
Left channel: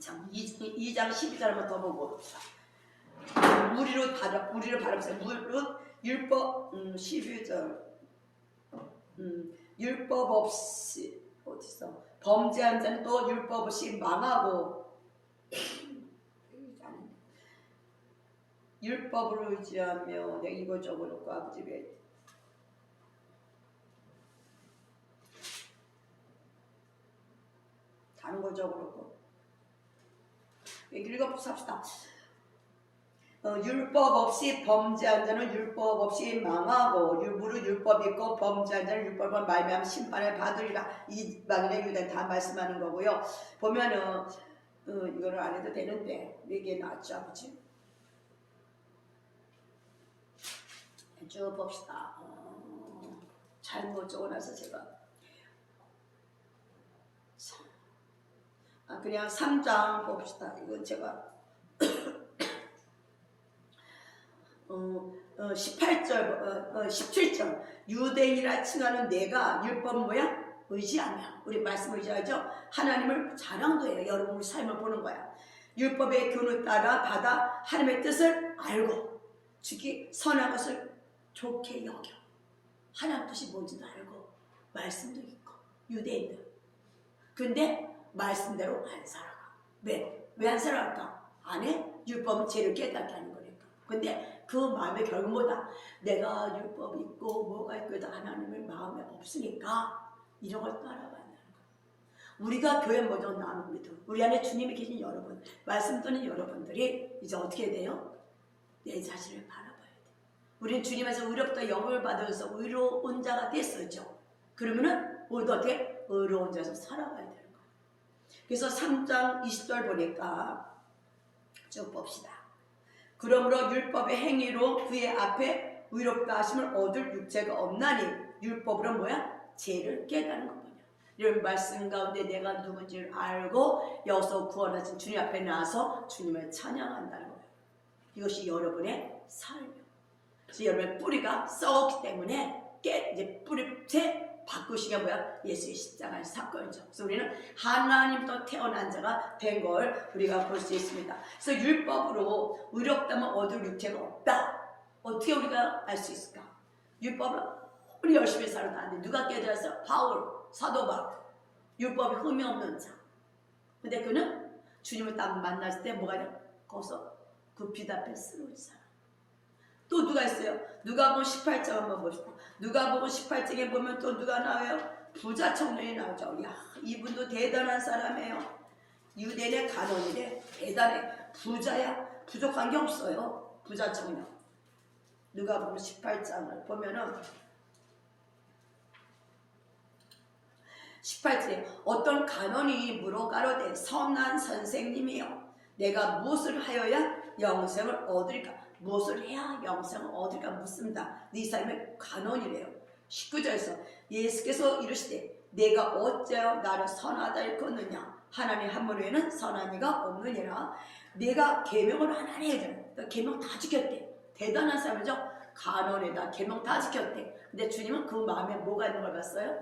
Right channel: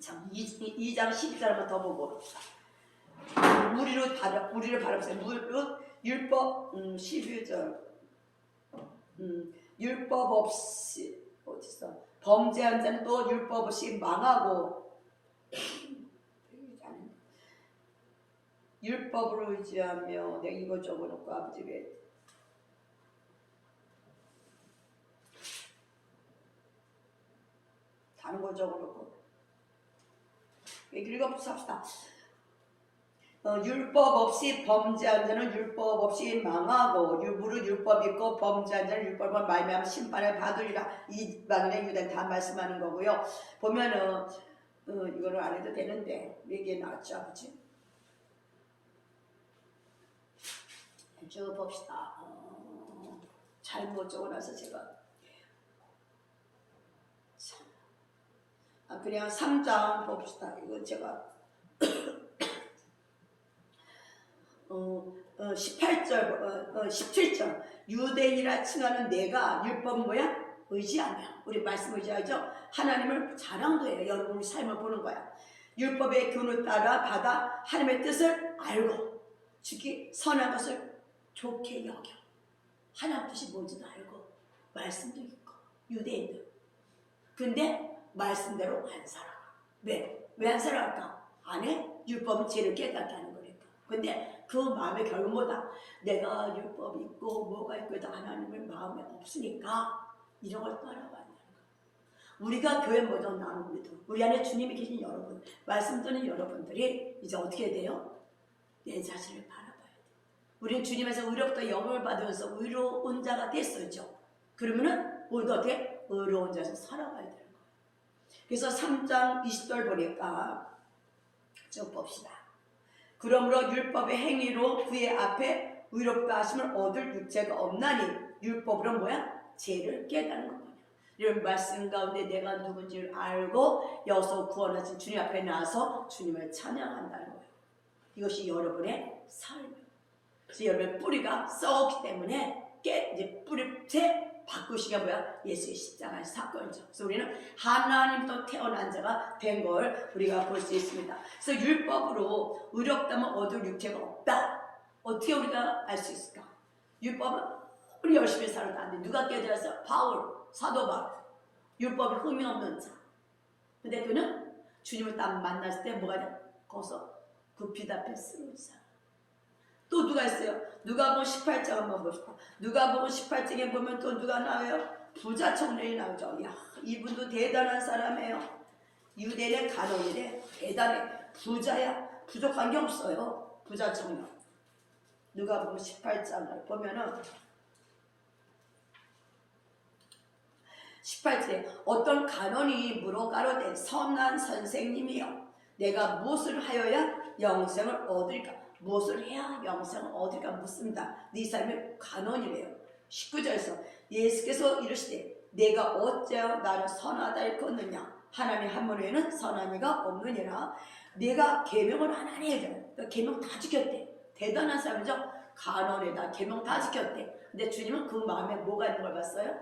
참 2장 12절 한번 더 보고 무리로 바라보세요. 무릇 율법 12절 율법 없이 어디서 범죄한 자는 또 율법 없이 망하고 율법을 의지하며 내가 이거 적어놓고 아버지 왜 다른 거 적어놓고 읽어봅시다. 율법 없이 범죄한 자는 율법 없이 망하고 무릇 율법 있고 범죄한 자는 율법을 말미암아 심판을 받으리라. 이방이나 유대 다 말씀하는 거고요. 보면은 이거를 안 해도 되는데 이게 나왔죠 아버지? 쭉 봅시다. 잘못 적어놔서 제가 그냥 3장 봅시다. 이거 제가 18절, 17절 유대인이라 칭하는 내가 율법 뭐야? 의지하며 우리 말씀 의지하죠? 하나님을 자랑도 해요. 여러분 삶을 보는 거야. 율법의 교훈을 따라 받아 하나님의 뜻을 알고 특히 선한 것을 좋게 여겨 하나님 뜻이 뭔지도 알고 말씀도 있고 유대인들 근데 말씀대로 안 살아가. 왜 안 살아갈까? 안에 율법은 죄를 깨닫게 하는 거니까. 근데 그 마음에 결국 뭐다? 내가 율법이 있고 뭐가 있고 해도 하나님의 마음에 없으니까 이런 걸 따라간다는 거야. 우리가 교회 모두 나눕니다. 우리 안에 주님이 계신 여러분, 말씀 듣는 여러분들이 이제 어떻게 돼요? 내 자신을 바라봐야 돼. 우리는 주님에서 의롭다 영을 받아서 의로운 자가 됐었죠. 그러면은 우리도 어떻게 의로운 자에서 살아가야 되는 거예요. 그래서 3장 20절 보니까 쭉 봅시다. 그러므로 율법의 행위로 그의 앞에 의롭다 하심을 얻을 육체가 없나니 율법으로 뭐야? 죄를 깨닫는 거냐. 이런 말씀 가운데 내가 누군지를 알고 여기서 구원하신 주님 앞에 나와서 주님을 찬양한다는 거예요. 이것이 여러분의 삶이에요. 그래서 여러분의 뿌리가 썩었기 때문에 이제 뿌리째 바꾸시기가 뭐야? 예수의 십자가의 사건이죠. 그래서 우리는 하나님부터 태어난 자가 된 걸 우리가 볼 수 있습니다. 그래서 율법으로 의롭다면 얻을 육체가 없다. 어떻게 우리가 알 수 있을까? 율법은 우리 열심히 살아도 안 돼. 누가 깨달았어? 바울, 사도 바울. 율법에 흠이 없는 자. 근데 그는 주님을 딱 만났을 때 뭐가 돼? 거기서 그 빛 앞에 쓰러진 사람. 또 누가 있어요? 누가복음 18장 한번 봅시다. 누가복음 18장에 보면 또 누가 나와요? 부자 청년이 나오죠. 야, 이분도 대단한 사람이에요. 유대인의 간원인데 대단해. 부자야. 부족한 게 없어요. 부자 청년. 누가복음 18장을 보면은 18절에 어떤 간원이 물어가로되 선한 선생님이여 내가 무엇을 하여야 영생을 얻을까? 무엇을 해야 영생을 얻을까 묻습니다. 네 삶의 간원이래요. 19절에서 예수께서 이르시되 내가 어찌하여 나를 선하다 일컫느냐 하나님 한 분 외에는 선한 이가 없느니라. 내가 계명을 하나니 해줘. 계명 다 지켰대. 대단한 사람이죠. 간원에다 계명 다 지켰대. 근데 주님은 그 마음에 뭐가 있는 걸 봤어요?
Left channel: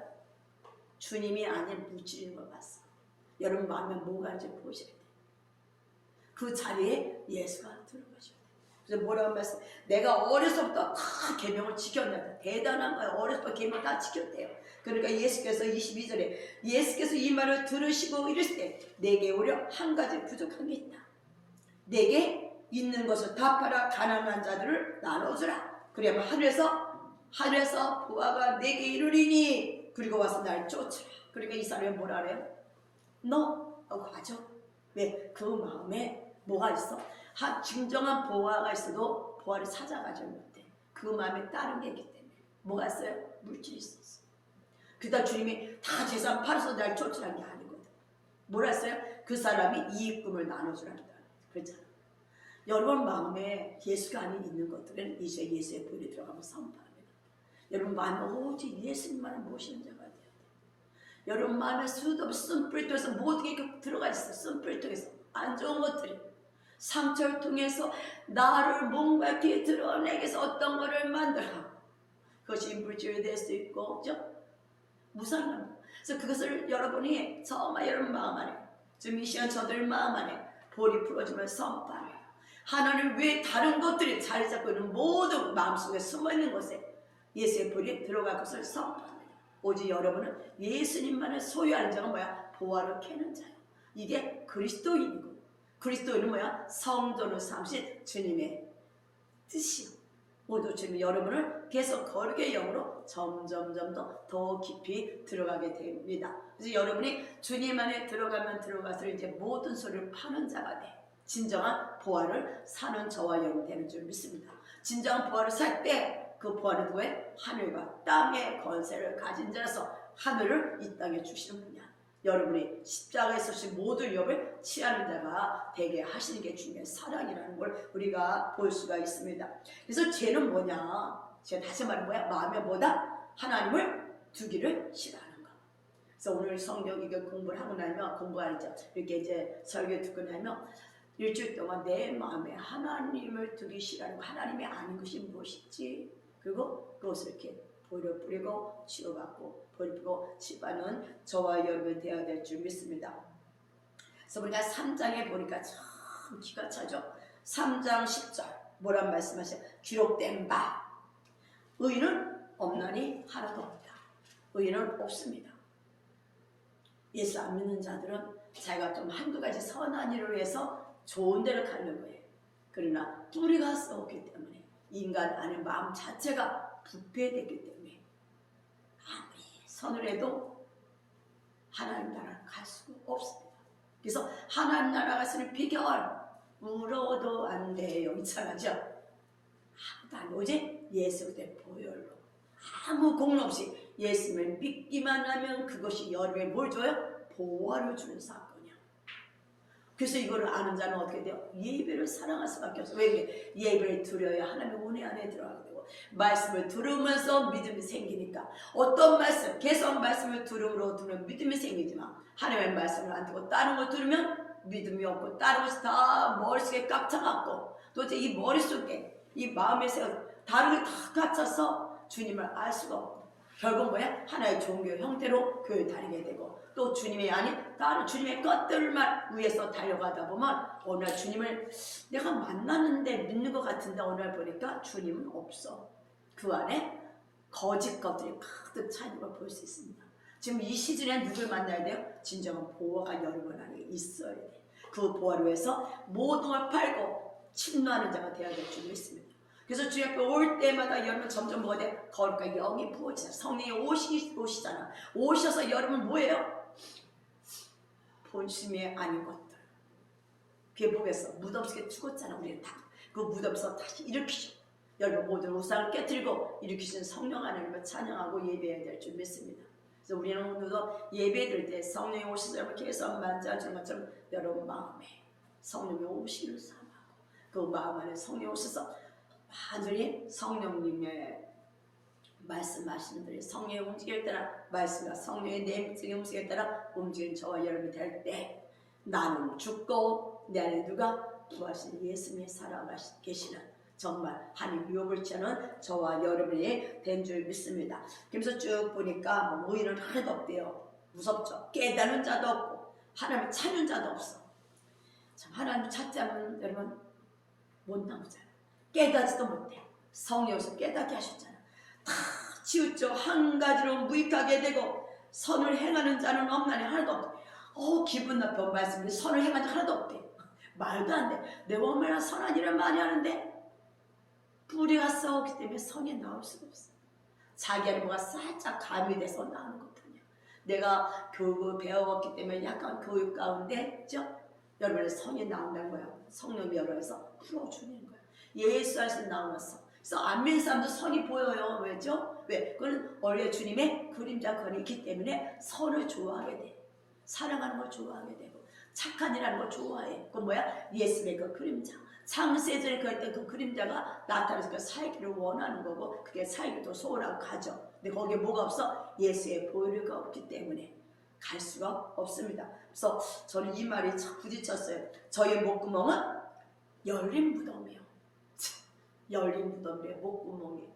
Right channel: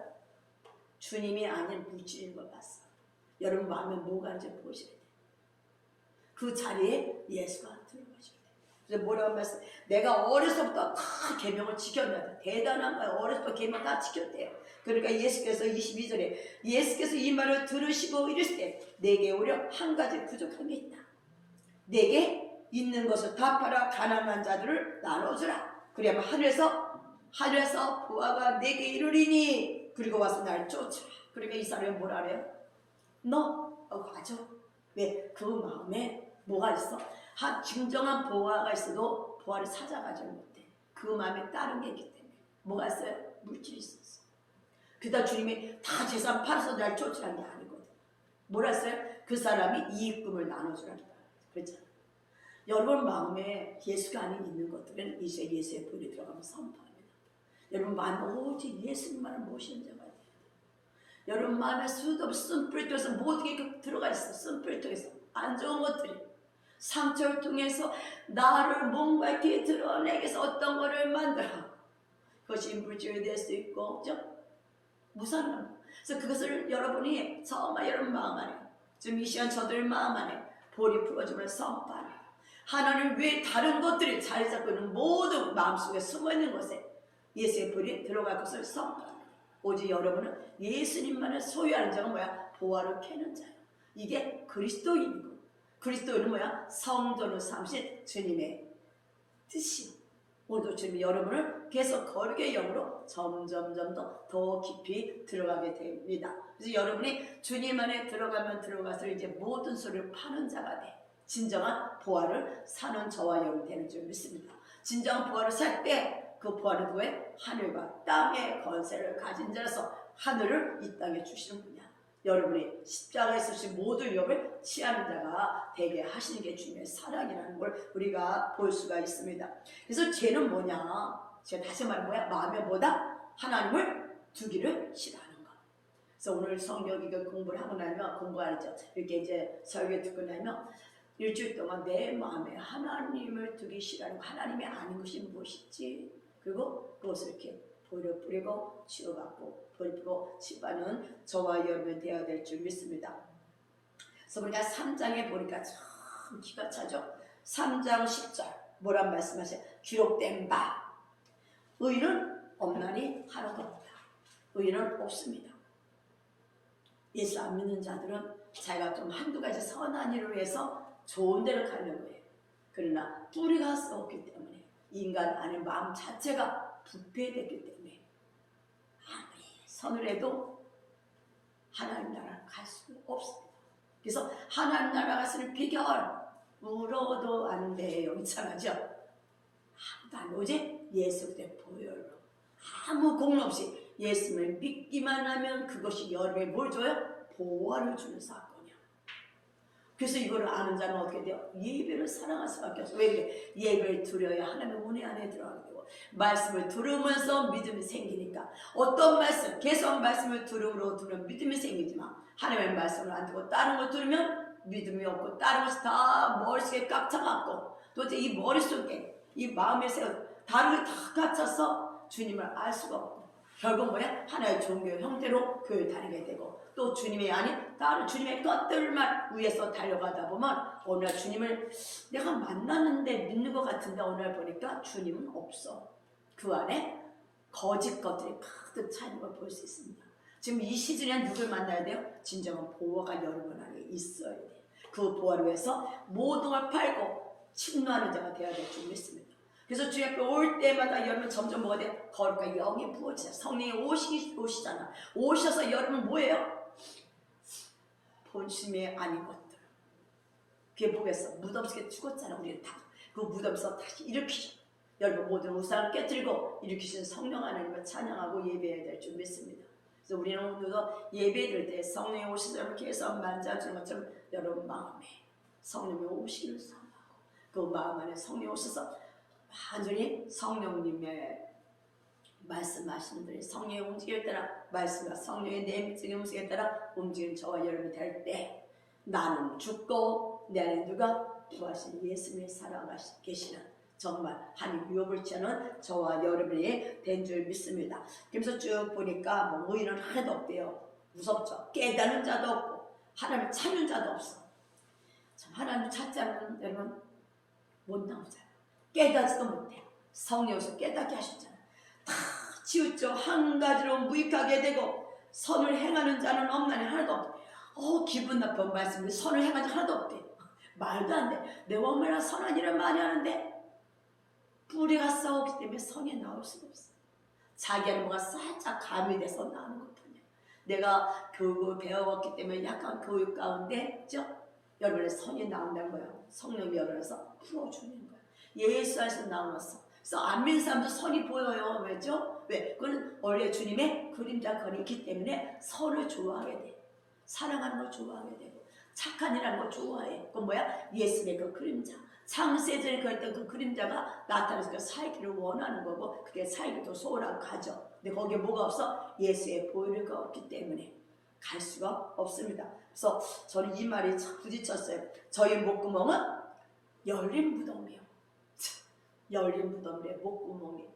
주님이 아닌 물질인 걸 봤어. 여러분 마음에 뭐가 있는지 보셔야 돼. 그 자리에 예수가 들어가셔야 돼. 그래서 뭐라고 말씀? 내가 어려서부터 계명을 지켰다. 대단한 거야. 어려서부터 계명 다 지켰대요. 그러니까 예수께서 22절에 예수께서 이 말을 들으시고 이랬을 때 내게 오히려 한 가지 부족한 게 있다. 내게 있는 것을 다 팔아 가난한 자들을 나눠주라. 그래야만 하늘에서 부하가 내게 이르리니 그리고 와서 날 쫓으라. 그러니까 이 사람이 뭐라 그래요? 너 가져. 왜? 그 마음에 뭐가 있어? 진정한 보화가 있어도 보화를 찾아가지 못해. 그 마음에 다른 게 있기 때문에. 뭐가 있어요? 물질이 있었어. 그러다 주님이 다 재산 팔아서 날 쫓으라는 게 아니거든. 뭐라 했어요? 그 사람이 이익금을 나눠주라는 거야. 그렇잖아. 여러분 마음에 예수가 아닌 있는 것들은 이제 예수의 불이 들어가면 선포합니다. 여러분 마음에 오직 예수님만을 모시는 자가 돼야 돼. 여러분 마음에 수도 없이 쓴뿌리통에서 모든 게 들어가 있어. 쓴뿌리통에서 안 좋은 것들이 상처를 통해서 나를 뭔가 이렇게 드러내기 위해서 어떤 거를 만들어. 그것이 물질이 될 수 있고, 그죠? 무상한. 그래서 그것을 여러분이 정말 여러분 마음 안에, 지금 이 시간 저들 마음 안에 볼이 풀어주면 선포하래요. 하나님 외에 다른 것들이 자리 잡고 있는 모든 마음속에 숨어있는 곳에 예수의 불이 들어갈 것을 선포합니다. 오직 여러분은 예수님만을 소유하는 자가 뭐야? 보화를 캐는 자예요. 이게 그리스도인이고, 그리스도인은 뭐야? 성전을 삼신 주님의 뜻이요. 오늘도 주님 여러분을 계속 거룩의 영으로 점점점 더 깊이 들어가게 됩니다. 그래서 여러분이 주님 안에 들어가면 들어갈수록 이제 모든 소리를 파는 자가 돼. 진정한 보화를 사는 저와 여러분 되는 줄 믿습니다. 진정한 보화를 살 때 그 보화는 누구의? 하늘과 땅의 권세를 가진 자라서 하늘을 이 땅에 주시는 분이야. 여러분이 십자가에 서신 모든 위협을 취하는 자가 되게 하시는 게 주님의 사랑이라는 걸 우리가 볼 수가 있습니다. 그래서 죄는 뭐냐? 제가 다시 말해 뭐야? 마음에 뭐다? 하나님을 두기를 싫어하는 것. 그래서 오늘 성경 이거 공부를 하고 나면 공부하죠. 이렇게 이제 설교 듣고 나면 일주일 동안 내 마음에 하나님을 두기 싫어하는 거, 하나님이 아는 것이 무엇이지? 그리고 그것을 이렇게 버려뿌리고 치유받고 버리고 치유받는 저와 여러분 되어야 될 줄 믿습니다. 그래서 우리가 3장에 보니까 참 기가 차죠. 3장 10절 뭐란 말씀하세요? 기록된 바 의인은 없나니 하나도 없다. 의인은 없습니다. 예수 안 믿는 자들은 자기가 좀 한두 가지 선한 일을 위해서 좋은 데를 가는 거예요. 그러나 뿌리가 썩었기 때문에 인간 안의 마음 자체가 부패됐기 때문에 아무리 선을 해도 하나님 나라를 갈 수 없습니다. 그래서 하나님 나라 가서는 비결 울어도 안 돼요. 이상하죠? 아무도 안 오지? 예수 그대 보혈로 아무 공로 없이 예수를 믿기만 하면 그것이 여러분에 뭘 줘요? 보화를 주는 사건이야. 그래서 이거를 아는 자는 어떻게 돼요? 예배를 사랑할 수밖에 없어요. 왜 그래? 예배를 드려야 하나님의 은혜 안에 들어가게 되고 말씀을 들으면서 믿음이 생기니까 어떤 말씀, 계속 말씀을 들으면 믿음이 생기지만 하나님의 말씀을 안 듣고 다른 거 들으면 믿음이 없고 다른 것이 다 머릿속에 깝쳐갖고 도대체 이 머릿속에 이 마음에서 다른 게 다 깝쳐서 주님을 알 수가 없고 결국 뭐야? 하나의 종교 형태로 교회 다니게 되고 또 주님이 아닌 다른 주님의 것들만 위해서 달려가다 보면 어느 날 주님을 내가 만났는데 믿는 것 같은데 어느 날 보니까 주님은 없어. 그 안에 거짓 것들이 가득 차 있는 걸 볼 수 있습니다. 지금 이 시즌에 누굴 만나야 돼요? 진정한 보화가 여러분 안에 있어야 돼요. 그 보화를 위해서 모든 걸 팔고 침노하는 자가 되어야 될 줄 믿습니다. 그래서 주의 앞에 올 때마다 여러분 점점 뭐가 돼? 거룩한 영이 부어지잖아. 성령이 오시잖아. 오셔서 여러분 뭐예요? 본심이 아닌 것들. 그게 뭐겠어? 무덤 속에 죽었잖아. 우리는 다. 그 무덤에서 다시 일으키죠. 여러분 모든 우상을 깨뜨리고 일으키신 성령 하나님을 찬양하고 예배해야 될 줄 믿습니다. 그래서 우리는 오늘도 예배 드릴 때 성령이 오셔서 이렇게 해서 만져주는 것처럼 여러분 마음에 성령이 오시기를 사모하고 그 마음 안에 성령이 오셔서 완전히 성령님의 말씀하시는 대로 성령의 움직임에 따라 말씀과 성령의 내면적인 움직임에 따라 움직이는 저와 여러분이 될 때 나는 죽고 내 안에 누가 부하신 예수님의 살아가시 계시는 정말 하나님 유업을 취하는 저와 여러분이 된 줄 믿습니다. 그래서 쭉 보니까 뭐 의인은 하나도 없대요. 무섭죠. 깨닫는 자도 없고 하나님을 찾는 자도 없어. 참 하나님을 찾지 않으면 여러분 못 나오잖아요. 깨닫지도 못해. 성령에서 깨닫게 하셨잖아요. 다 치우쳐 한 가지로 무익하게 되고 선을 행하는 자는 없나니 하나도 없대. 기분 나쁜 말씀인데 선을 행하는 자 하나도 없대. 말도 안 돼. 내가 얼마나 선한 일을 많이 하는데 뿌리가 썩었기 때문에 선이 나올 수가 없어. 자기는 뭐가 살짝 가미돼서 나오는 것뿐이야. 내가 교육을 배워왔기 때문에 약간 교육 가운데 그죠? 여러분의 선이 나온다는 거야. 성령이 열어서 풀어주는 거야. 예수 안에서 나왔어. 그래서 안 믿는 사람도 선이 보여요. 왜죠? 왜? 그건 원래 주님의 그림자권이 있기 때문에 선을 좋아하게 돼. 사랑하는 걸 좋아하게 되고 착한 일하는 걸 좋아해. 그건 뭐야? 예수의 그 그림자. 창세전에 그럴 때 그 그림자가 나타나서 살기를 원하는 거고 그게 살기도 소홀하고 가죠. 근데 거기에 뭐가 없어? 예수의 보혈가 없기 때문에 갈 수가 없습니다. 그래서 저는 이 말이 참 부딪혔어요. 저희 목구멍은 열린 무덤이에요. 열린 무덤이에요. 목구멍이.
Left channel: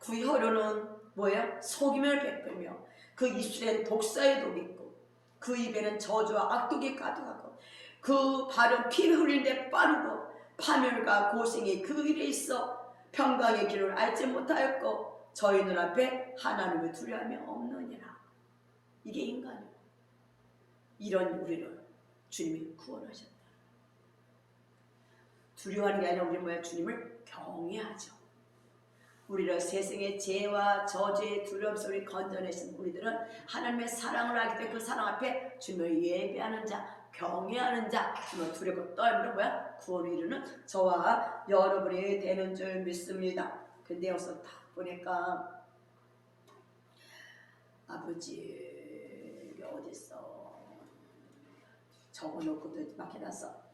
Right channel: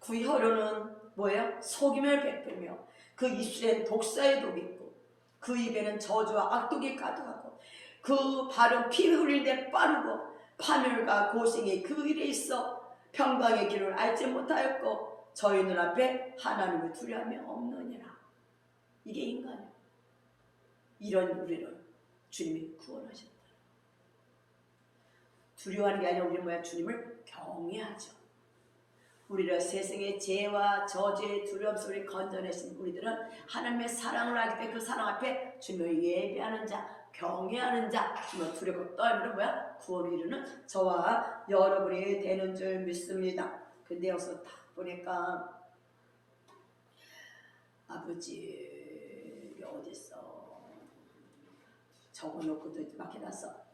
그 혀로는 뭐예요? 속임을 베풀며 그 입술엔 독사의 독이 있고 그 입에는 저주와 악독이 가득하고 그 발은 피 흘리는데 빠르고 파멸과 고생이 그 일에 있어 평강의 길을 알지 못하였고 저희 눈앞에 하나님을 두려움이 없느니라. 이게 인간이에요. 이런 우리를 주님이 구원하셨다. 두려워하는 게 아니라 우리는 뭐야? 주님을 경외하죠. 우리를 세상의 죄와 저주의 두려움 속에 건져내신 우리들은 하나님의 사랑을 알기 때문에 그 사랑 앞에 주님을 예배하는 자, 경외하는 자, 주님을 두렵고 떨면 뭐야? 구원을 이루는 저와 여러분이 되는 줄 믿습니다. 근데 여기서 딱 보니까 아버지 이게 어딨어? 적어놓고도 막 해놨어.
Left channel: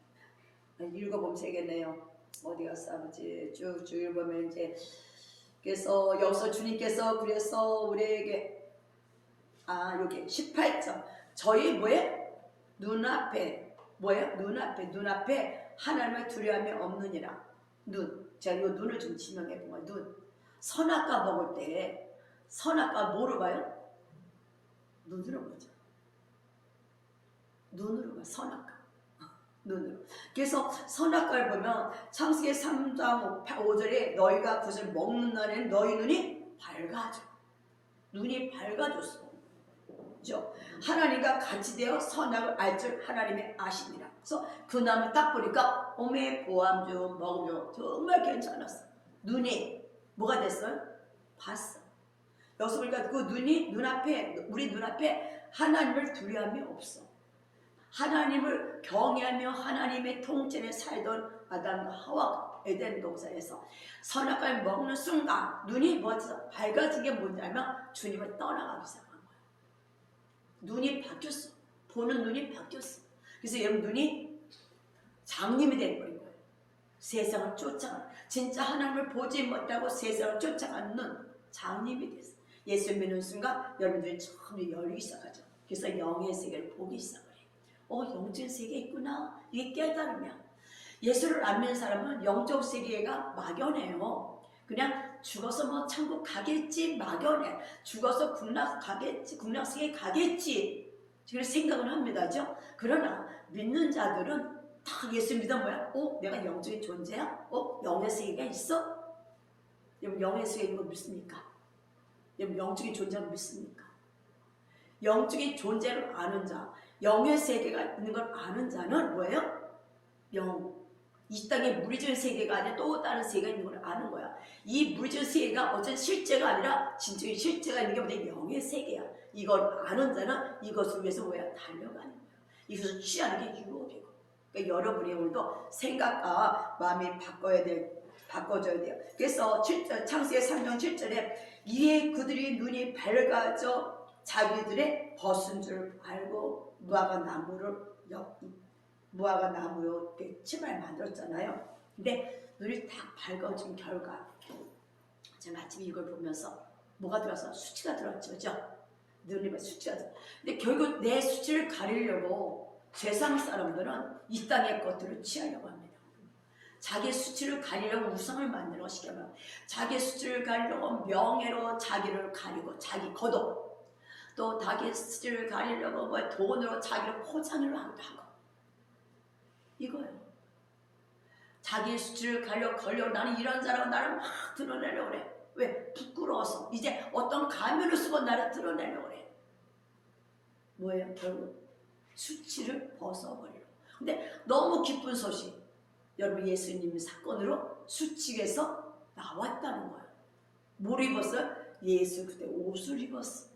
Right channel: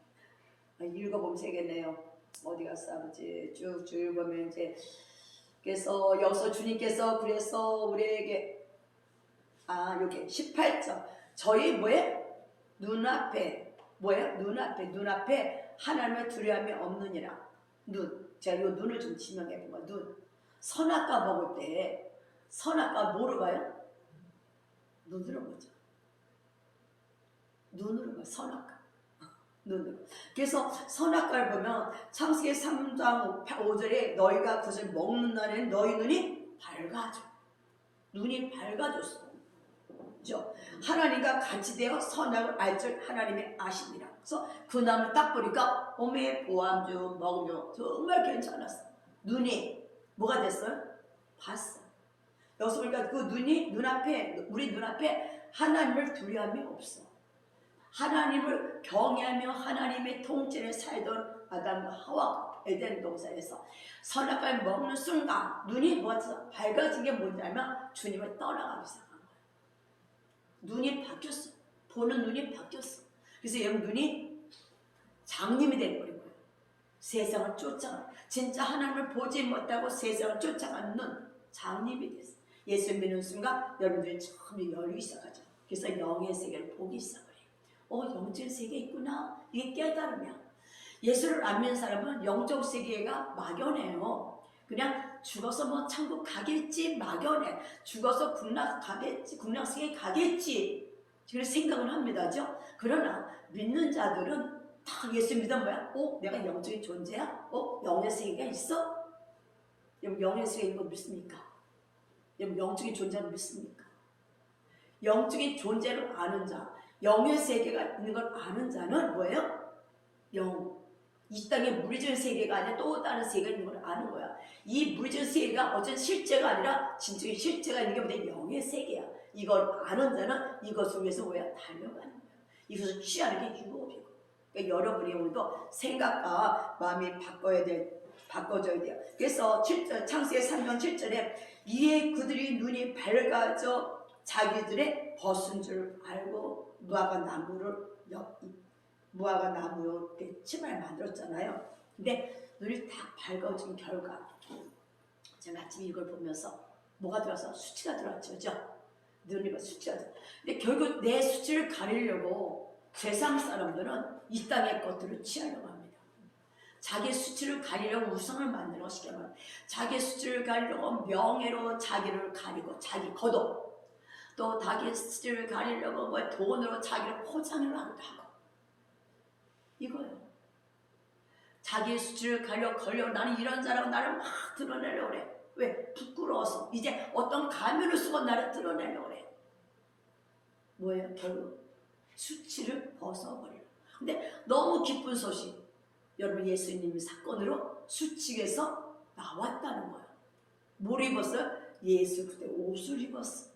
읽어보면 되겠네요. 어디 갔어 아버지? 쭉쭉 읽으면 이제 그래서 여기서 주님께서 그래서 우리에게 여기 18절 저희 뭐예요? 눈앞에 뭐예요? 눈앞에 하나님의 두려움이 없느니라. 제가 이 눈을 좀 지명해 보면 눈. 선악과 먹을 때 선악과 뭐로 봐요? 눈으로 보죠. 눈으로 봐. 선악과. 눈으로. 그래서 선악과를 보면 창세기 3장 5절에 너희가 그것을 먹는 날에는 너희 눈이 밝아져. 눈이 밝아졌어. 그죠? 하나님과 같이 되어 선악을 알 줄 하나님이 아십니다. 그래서 그 나무 딱 보니까 오메 보암 좀 먹으면 정말 괜찮았어. 눈이 뭐가 됐어요? 봤어. 여기서 보니까 그 눈이 우리 눈앞에 하나님을 두려움이 없어. 하나님을 경외하며 하나님의 통치에 살던 아담과 하와가 에덴 동산에서 선악과를 먹는 순간 눈이 뭐가 밝아진 게 뭔지 알면 주님을 떠나가기 시작한 거야. 눈이 바뀌었어. 보는 눈이 바뀌었어. 그래서 여러분 눈이 장님이 돼버린 거예요. 세상을 쫓아가는, 진짜 하나님을 보지 못하고 세상을 쫓아가는 눈, 장님이 됐어. 예수 믿는 순간 여러분들이 처음에 열리기 시작하죠. 그래서 영의 세계를 보기 시작해요. 영적 세계 있구나. 이게 깨달으면 예수를 안 믿는 사람은 영적 세계가 막연해요. 그냥 죽어서 뭐 천국 가겠지 막연해. 죽어서 국락 세계 가겠지. 그런 생각을 합니다죠. 그러나 믿는 자들은 다 예수 믿어 뭐야? 내가 영적인 존재야? 영의 세계가 있어? 여러분 영의 세계인 거 믿습니까? 여러분 영적인 존재를 믿습니까? 영적인 존재를 아는 자, 영의 세계가 있는 걸 아는 자는 뭐예요? 이 땅에 물리적인 세계가 아니라 또 다른 세계가 있는 걸 아는 거야. 이 물리적인 세계가 어떤 실제가 아니라 진정의 실제가 있는 게 뭐냐? 영의 세계야. 이걸 아는 자는 이것을 위해서 뭐야? 달려가는 거야. 이것을 취하는 게 유혹이고. 그러니까 여러분이 오늘도 생각과 마음이 바꿔져야 돼요. 그래서 7절, 창세기 3장 7절에 이에 그들이 눈이 밝아져 자기들의 벗은 줄 알고 무화과 나무로 침을 만들었잖아요. 근데 눈이 다 밝아진 결과 제가 아침에 이걸 보면서 뭐가 들어서 수치가 들어왔죠. 그죠? 눈이 수치가 들어. 근데 결국 내 수치를 가리려고 세상 사람들은 이 땅의 것들을 취하려고 합니다. 자기 수치를 가리려고 우상을 만들어 시켜봐. 자기 수치를 가리려고 명예로 자기를 가리고 자기 거둬. 또 자기 수치를 가리려고 뭐 돈으로 자기를 포장을 하기도 하고. 이거예요. 자기 수치를 걸려 나는 이런 자라고 나를 막 드러내려고 그래. 왜? 부끄러워서. 이제 어떤 가면을 쓰고 나를 드러내려고 그래. 뭐예요? 결국 수치를 벗어버리려고. 근데 너무 기쁜 소식. 여러분 예수님 사건으로 수치에서 나왔다는 거예요. 뭘 입었어요? 예수 그때 옷을 입었어.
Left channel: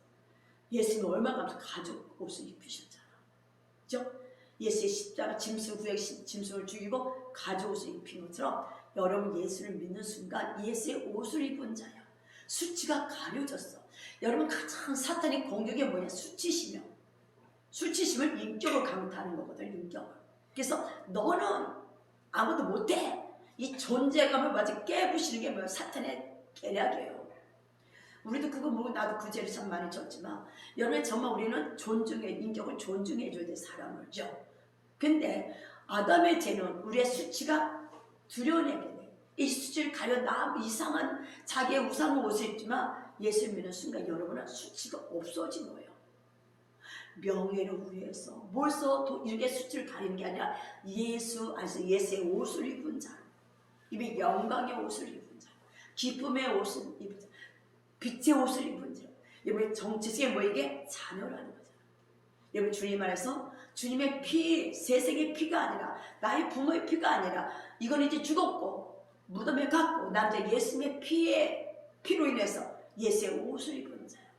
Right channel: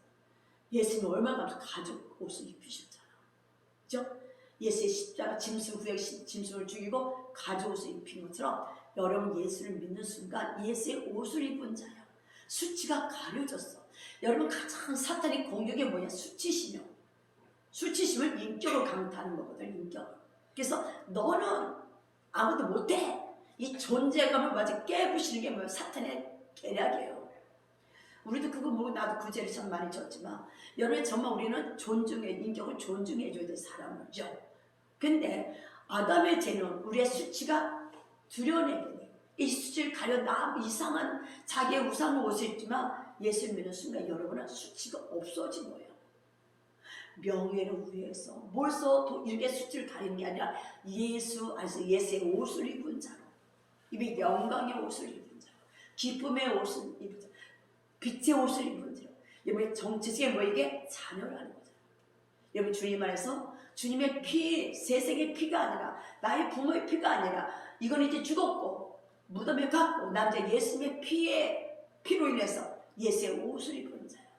예수님 얼마나 가죽 옷을 입히셨잖아. 그죠? 예수의 십자가 짐승을 죽이고 가죽 옷을 입힌 것처럼 여러분 예수를 믿는 순간 예수의 옷을 입은 자야. 수치가 가려졌어. 여러분 가장 사탄의 공격이 뭐냐? 수치심이요. 수치심은 인격을 강타하는 거거든. 인격을. 그래서 너는 아무도 못해. 이 존재감을 완전 깨부시는 게 뭐야? 사탄의 계략이에요. 우리도 그거 모르고 나도 그 죄를 참 많이 졌지만 여러분 정말 우리는 인격을 존중해줘야 돼. 사람을죠. 근데 아담의 죄는 우리의 수치가 드러내게 돼. 이 수치를 가려 이상한 자기의 우상한 옷을 입지만 예수 믿는 순간 여러분은 수치가 없어진 거예요. 명예를 위해서 벌써 이렇게 수치를 가리는 게 아니라 예수 안에서 예수의 옷을 입은 자, 이게 영광의 옷을 입은 자, 기쁨의 옷을 입은 자, 빛의 옷을 입은 자. 여러분 정체성이 뭐 이게 자녀라는 거죠. 여러분 주님 안에서 주님의 피, 세상의 피가 아니라 나의 부모의 피가 아니라 이건 이제 죽었고 무덤에 갔고 난 이제 예수님의 피로 인해서 예수의 옷을 입은 자예요.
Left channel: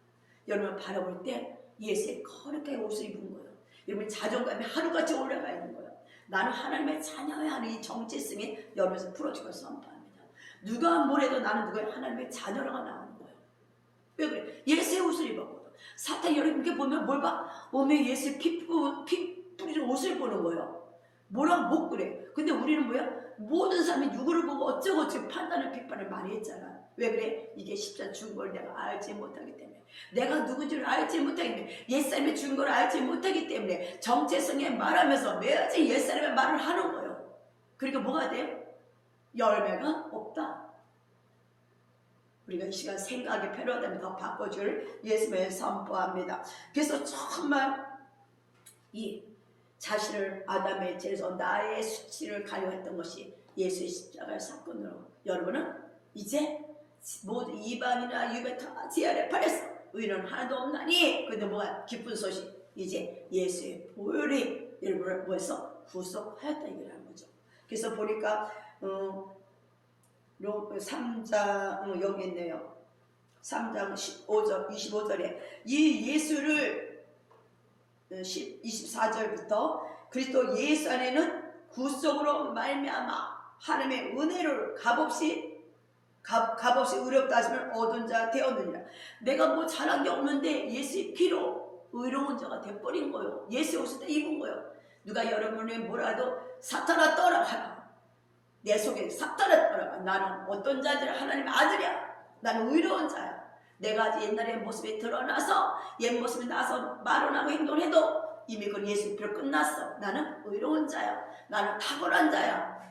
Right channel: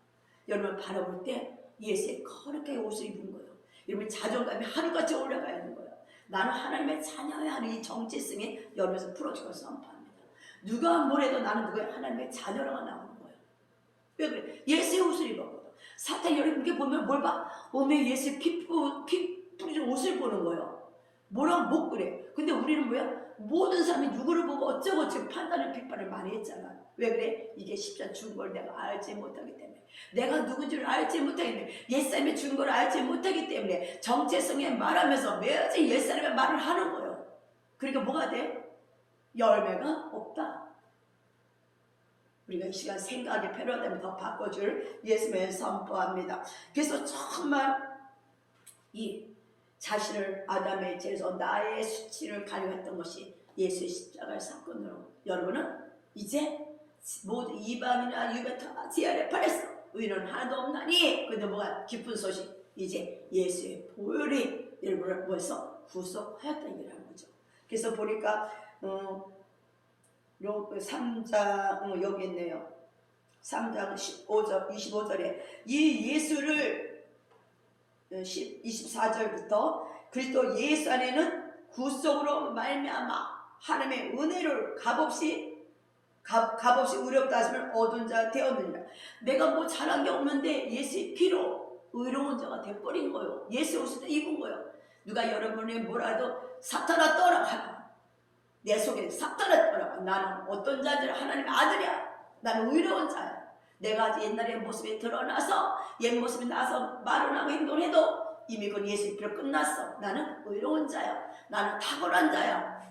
여러분 바라볼 때 예수의 거룩한 옷을 입은 거예요. 여러분 자존감이 하루같이 올라가야 하는 거예요. 나는 하나님의 자녀야 하는 이 정체성이 여러분에서 풀어지고 선포합니다. 누가 뭐래도 나는 누가 하나님의 자녀라고 나오는 거예요. 왜 그래? 예수의 옷을 입었거든. 사탄이 여러분께 보면 뭘 봐? 몸에 예수의 피 뿌리는 옷을 보는 거예요. 뭐라고 못 그래. 근데 우리는 뭐야? 모든 사람이 누구를 보고 어쩌고 판단을 비판을 많이 했잖아. 왜 그래? 이게 십자가 죽은 걸 내가 알지 못하기 때문에, 내가 누군지를 알지 못하기 때문에, 옛사람이 죽은 걸 알지 못하기 때문에 정체성에 말하면서 매일 옛사람의 말을 하는 거예요. 그러니까 뭐가 돼요? 열매가 없다. 우리가 이 시간 생각이 필요하다면 더 바꿔줄 예수님의 선포합니다. 그래서 정말 이 자신을 아담의 죄에서 나의 수치를 가려했던 것이 예수의 십자가의 사건으로 여러분은 이제 모두 이방이나 유배 다 제 아래 팔았어. 의는 하나도 없나니. 근데 뭐가 기쁜 소식, 이제 예수의 보혈이 여러분을 벌써 구속하였다 얘기를 거죠. 그래서 보니까 3장 여기 있네요. 3장 25절에 이 예수를 24절부터 그리스도 예수 안에는 구속으로 말미암아 하나님의 은혜를 값없이 의롭다 하심을 얻은 자 되었느니라. 내가 뭐 잘한 게 없는데 예수의 피로 의로운 자가 돼버린 거예요. 예수 옷을 다 입은 거예요. 누가 여러분이 뭐라도 사탄아 떠나가라, 내 속에 사탄아 떠나가, 나는 어떤 자인지 하나님의 아들이야. 나는 의로운 자야. 내가 옛날의 모습이 드러나서 옛 모습이 나서 말을 하고 행동을 해도 이미 그건 예수의 피로 끝났어. 나는 의로운 자야. 나는 탁월한 자야.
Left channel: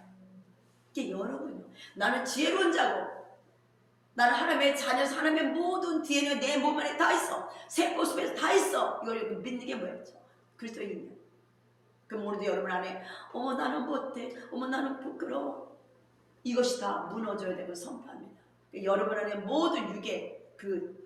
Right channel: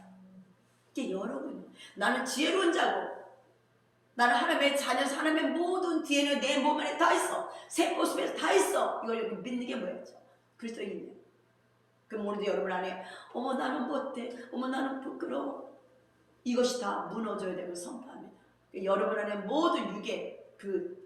이게 여러분, 나는 지혜로운 자고, 나는 하나님의 자녀서 하나님의 모든 DNA가 내 몸 안에 다 있어. 세포 속에서 다 있어. 이걸 믿는 게 뭐였죠? 그리스도인이에요. 그럼 오늘도 여러분 안에 어머 나는 못돼, 어머 나는 부끄러워, 이것이 다 무너져야 되고 선포합니다. 여러분 안에 모든 육의 그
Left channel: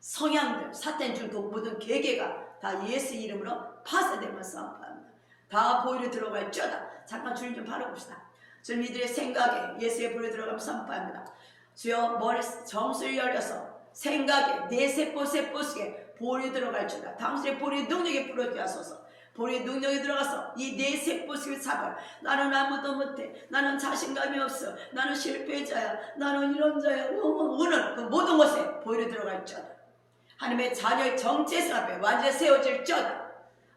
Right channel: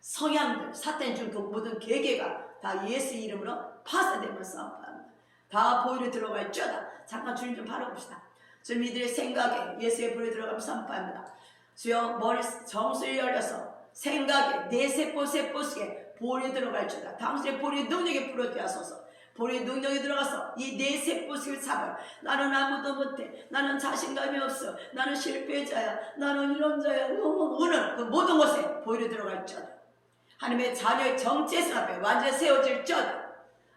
성향들, 사탄 줄 그 모든 계계가 다 예수 이름으로 파쇄되면 선포합니다. 다 보혈에 들어갈 쩌다. 잠깐 주님 좀 바라봅시다. 지금 이들의 생각에 예수의 보혈에 들어가면 선포합니다. 주여 머리 정수를 열려서 생각에 내 세포 속에 보혈이 들어갈 쩌다. 당신의 보혈의 능력이 풀어져 하소서. 보혈의 능력이 들어가서 이 내 세포 속에 잡아. 나는 아무도 못해, 나는 자신감이 없어, 나는 실패자야, 나는 이런 자야, 오는 그 모든 것에 보혈이 들어갈 쩌다. 하나님의 자녀의 정체성 앞에 완전히 세워질 쩌다.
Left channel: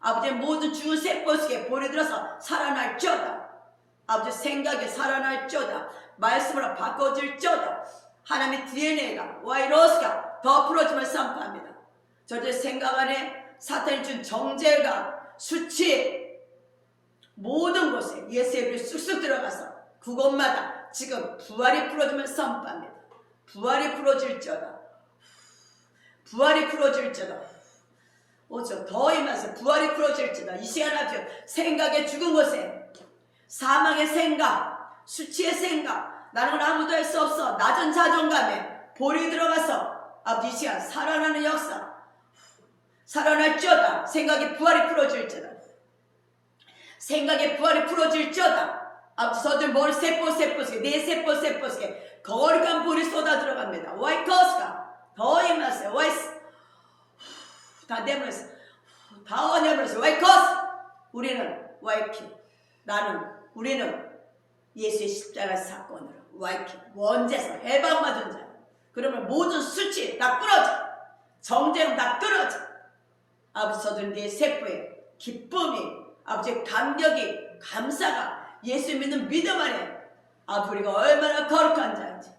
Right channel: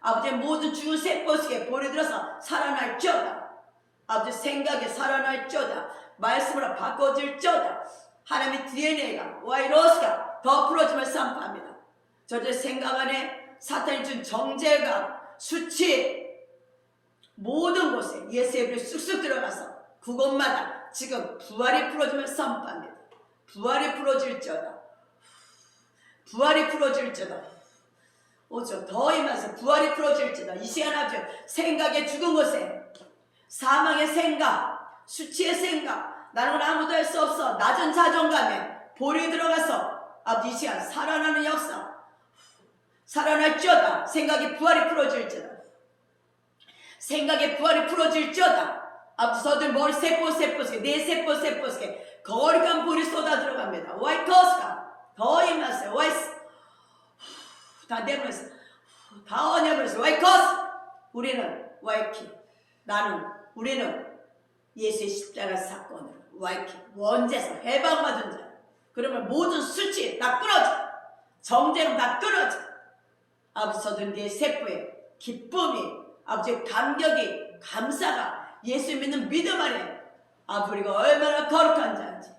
아버지의 모든 죽은 세포 속에 보혈이 들어서 살아날 쩌다. 아버지 생각에 살아날 쩌다. 말씀으로 바꿔질 쩌다. 하나님의 DNA가 와이러스가 더 풀어지면 선포합니다. 저들 생각 안에 사탄이 준 정죄감, 수치, 모든 곳에 예수의 불이 쑥쑥 들어가서 그곳마다 지금 부활이 풀어지면 선포합니다. 부활이 풀어질지어다. 부활이 풀어질지어다. 오죠. 더 임하서 부활이 풀어질지어다. 이 시간 아주 생각의 죽은 곳에 사망의 생각, 수치의 생각, 나는 아무도 할 수 없어, 낮은 자존감에 볼이 들어가서 아버지 이 시간 살아나는 역사, 살아날지어다. 생각의 부활이 풀어질지어다. 생각의 부활이 풀어질지어다. 아버지 저들 머리 세포 속에 내 세포 속에 거룩한 불이 쏟아 들어갑니다. 와이커스가 더 임하세요. 와이스 다 내버렸어. 다 내버렸어. 와이커스. 우리는 와이키, 우리는 예수의 십자가 사건으로 와이키 원죄에서 해방받은 자. 그러면 모든 수치 다 끊어져, 정죄는 다 끊어져. 아버지 저들 내 세포에 기쁨이, 아버지의 감격이, 감사가 예수 믿는 믿음 안에 아버지 우리가 얼마나 거룩한 자인지,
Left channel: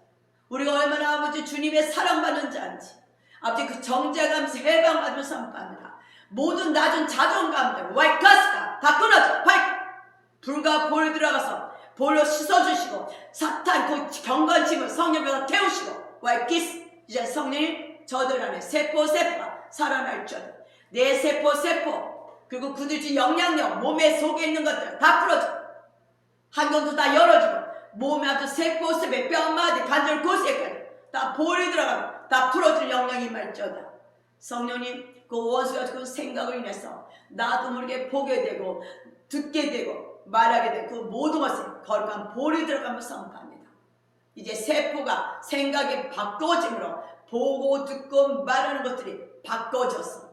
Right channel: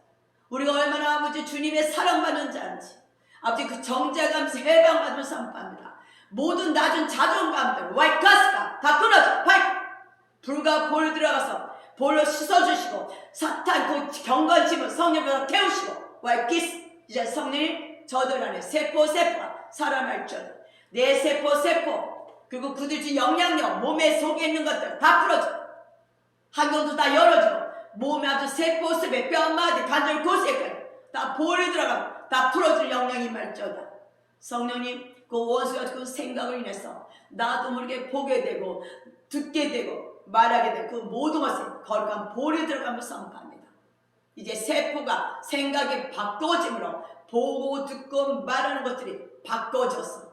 우리가 얼마나 아버지 주님의 사랑받는 자인지, 아버지 그 정죄감에서 해방받으면 선포합니다. 모든 낮은 자존감들 와이카스가 다 끊어져. 불과 볼 들어가서 볼로 씻어주시고 사탄 그 경건심을 성령으로 태우시고 와이키스 이제 성령이 저들 안에 세포가 살아날 줄 내 세포 그리고 그들주 영양력 몸에 속에 있는 것들 다 풀어줘. 한경도 다 열어주고 몸에 아주 세포 뼈마디 관절 골세까지 다 볼이 들어가고 다 풀어줄 영향이 말지어다. 성령님 그 원수가 그 생각을 인해서 나도 모르게 보게 되고 듣게 되고 말하게 되고 그 모든 것에 거룩한 볼이 들어가며 선포합니다. 이제 세포가 생각이 바꿔짐으로 보고 듣고 말하는 것들이 바뀌어졌어.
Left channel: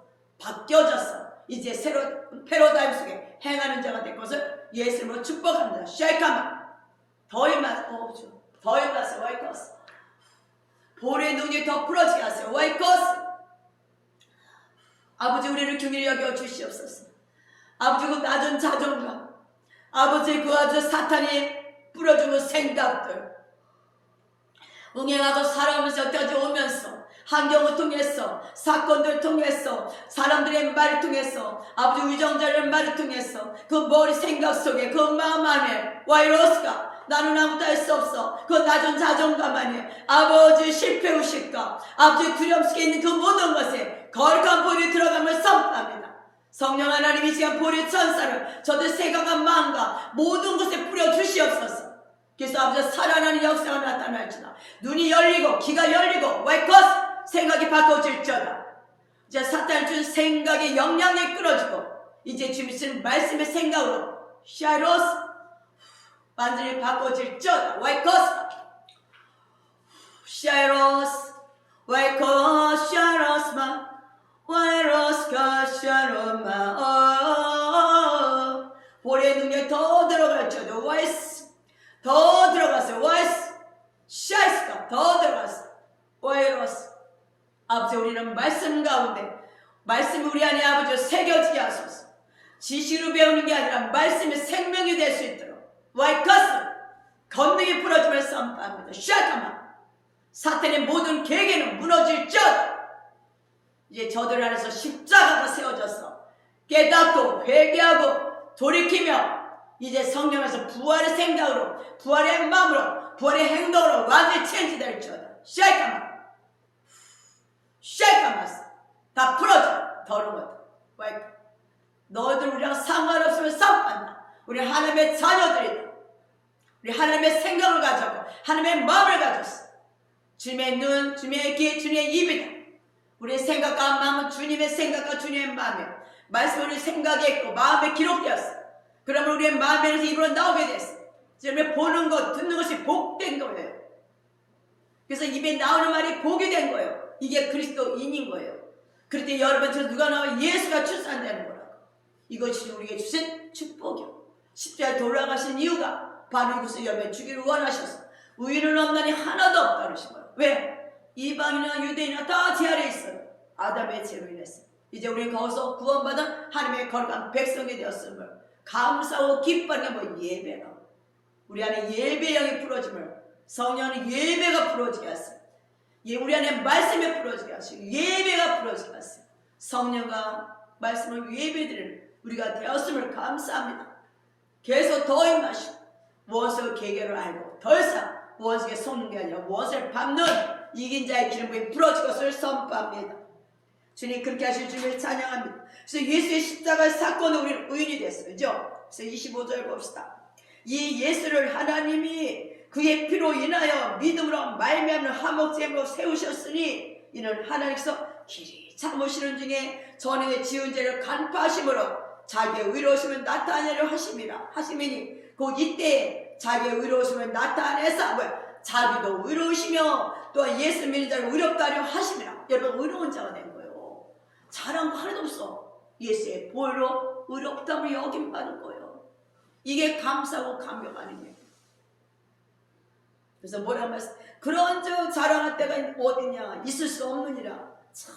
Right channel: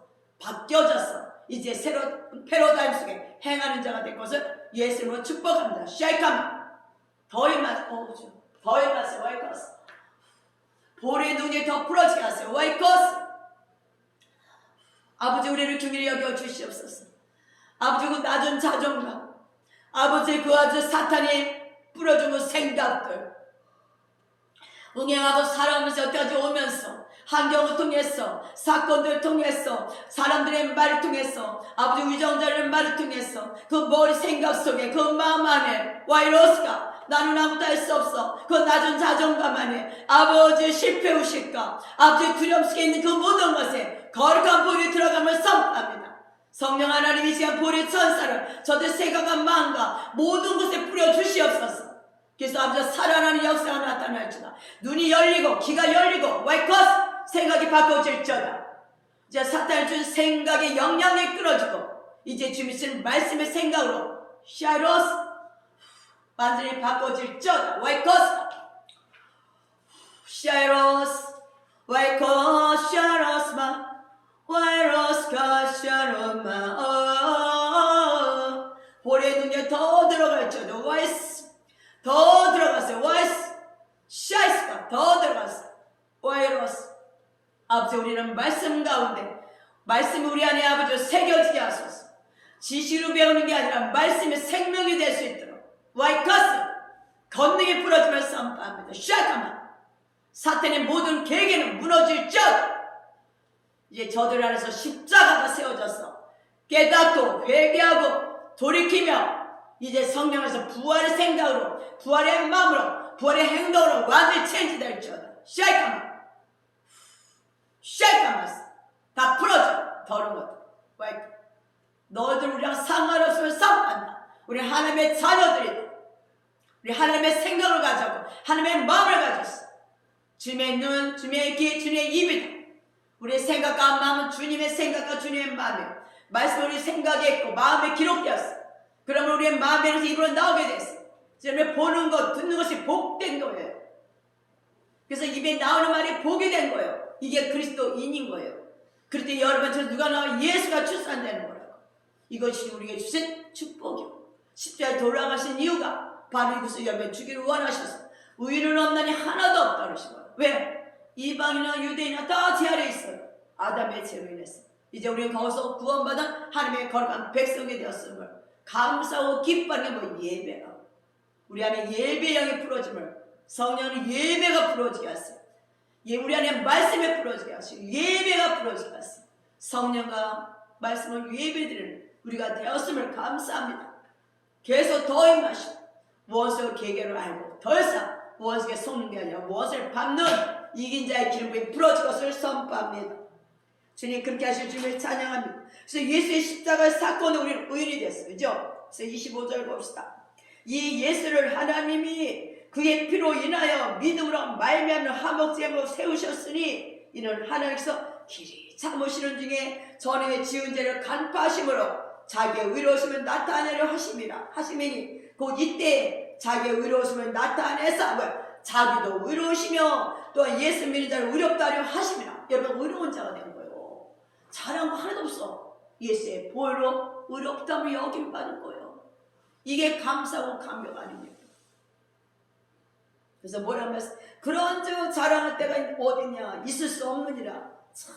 이제 새로운 패러다임 속에 행하는 자가 될 것을 예수님으로 축복합니다. 쉐이카마 더위 마스 와이커스 볼의 눈이 더 풀어지게 하세요. 와이커스 아버지 우리를 긍휼히 여겨 주시옵소서. 아버지 그 낮은 자존감 아버지 그 아주 사탄이 뿌려준 생각들 응행하고 살아오면서 여태까지 오면서 환경을 통해서 사건들 통해서 사람들의 말을 통해서 아버지 위정자의 말을 통해서 그 머리 생각 속에 그 마음 안에 와이러스가 나는 아무것도 할 수 없어 그 낮은 자존감 안에 아버지 실패의식과 아버지 두려움 속에 있는 그 모든 것에 거룩한 볼이 들어가면 선포합니다. 성령 하나님 이 시간 볼의 천사를 저들 생각과 마음과 모든 것에 뿌려주시옵소서. 그래서 아버지 살아나는 역사가 나타날지다. 눈이 열리고 귀가 열리고 와이커스 생각이 바꿔질지어다. 이제 사탄을 준 생각의 영향이 끌어지고 이제 주님 말씀의 생각으로 샤이로스 완전히 바꿔질지어다. 와이커스 샤이로스 와이커스 샤이로스마 와이러스가 샤로마 볼의 눈에 더 들어갈지어다. 와이스 더 들어갔어요. 와이스 샤이스가 더 들어갔어. 와이러스 아버지 우리는 말씀 가운데 말씀이 우리 안에 아버지 새겨지게 하소서. 지시로 배우는 게 아니라 말씀의 생명이 될 수 있도록 와이커스 건능이 풀어주면서 선포합니다. 샤카마 사탄의 모든 계획에는 무너질지어다. 이제 저들 안에서 십자가가 세워졌어. 깨닫고 회개하고 돌이키며 이제 성령에서 부활의 생각으로 부활의 마음으로 부활의 행동으로 완전히 체인지 될지어다. 쉐이카마스 다 풀어줘. 더러운 것들 너희들 우리랑 상관없으면 싸움한다. 우리 하나님의 자녀들이다. 우리 하나님의 생각을 가졌고 하나님의 마음을 가졌어. 주님의 눈, 주님의 귀, 주님의 입이다. 우리의 생각과 마음은 주님의 생각과 주님의 마음이에요. 말씀은 우리 생각에 있고 마음에 기록되었어. 그러면 우리의 마음에서 입으로 나오게 됐어. 주님의 보는 것, 듣는 것이 복된 거예요. 그래서 입에 나오는 말이 복이 된 거예요. 이게 그리스도인인 거예요. 그럴 때 여러분처럼 누가 나와 예수가 출산되는 거라고. 이것이 우리에게 주신 축복이요. 십자가에 돌아가신 이유가 바로 이것을 여러분 주기를 원하셔서 우위를 넘나니 하나도 없다 그러신 거예요. 왜? 이방이나 유대인이나 다 제 아래에 있어요. 아담의 죄로 인해서. 이제 우리는 거기서 구원받은 하나님의 거룩한 백성이 되었음을 감사하고 기뻐하는 게 뭐 예배가. 우리 안에 예배의 영이 풀어짐을 성령의 예배가 풀어지게 하세요. 우리 안에 말씀이 풀어지게 하시고 예배가 풀어지게 하세요. 성령과 말씀을 예배드리는 우리가 되었음을 감사합니다. 계속 더 임하시고 무엇을 계계를 알고 더 이상 무엇에게 속는 게 아니라 무엇을 밟는 이긴 자의 기름이 풀어질 것을 선포합니다. 주님 그렇게 하실 주님을 찬양합니다. 그래서 예수의 십자가 사건으로 우리는 의인이 됐어요. 그죠? 그래서 25절 봅시다. 이 예수를 하나님이 그의 피로 인하여 믿음으로 말미암는 화목제물로 세우셨으니 이는 하나님께서 길이 참으시는 중에 전에 지은 죄를 간파하심으로 자기의 의로우심을 나타내려 하심이니 곧 이때 자기의 의로우심을 나타내서 자기도 의로우시며 또 예수 믿는 자를 의롭다 하려 하심이라. 여러분 의로운 자가 된 거예요. 잘한 거 하나도 없어. 예수의 보혈로 의롭다면 여김 받을 거예요. 이게 감사하고 감격 아닙니까? 그래서 뭐라고 했어? 그런 저 자랑할 때가 어디냐? 있을 수 없느니라. 참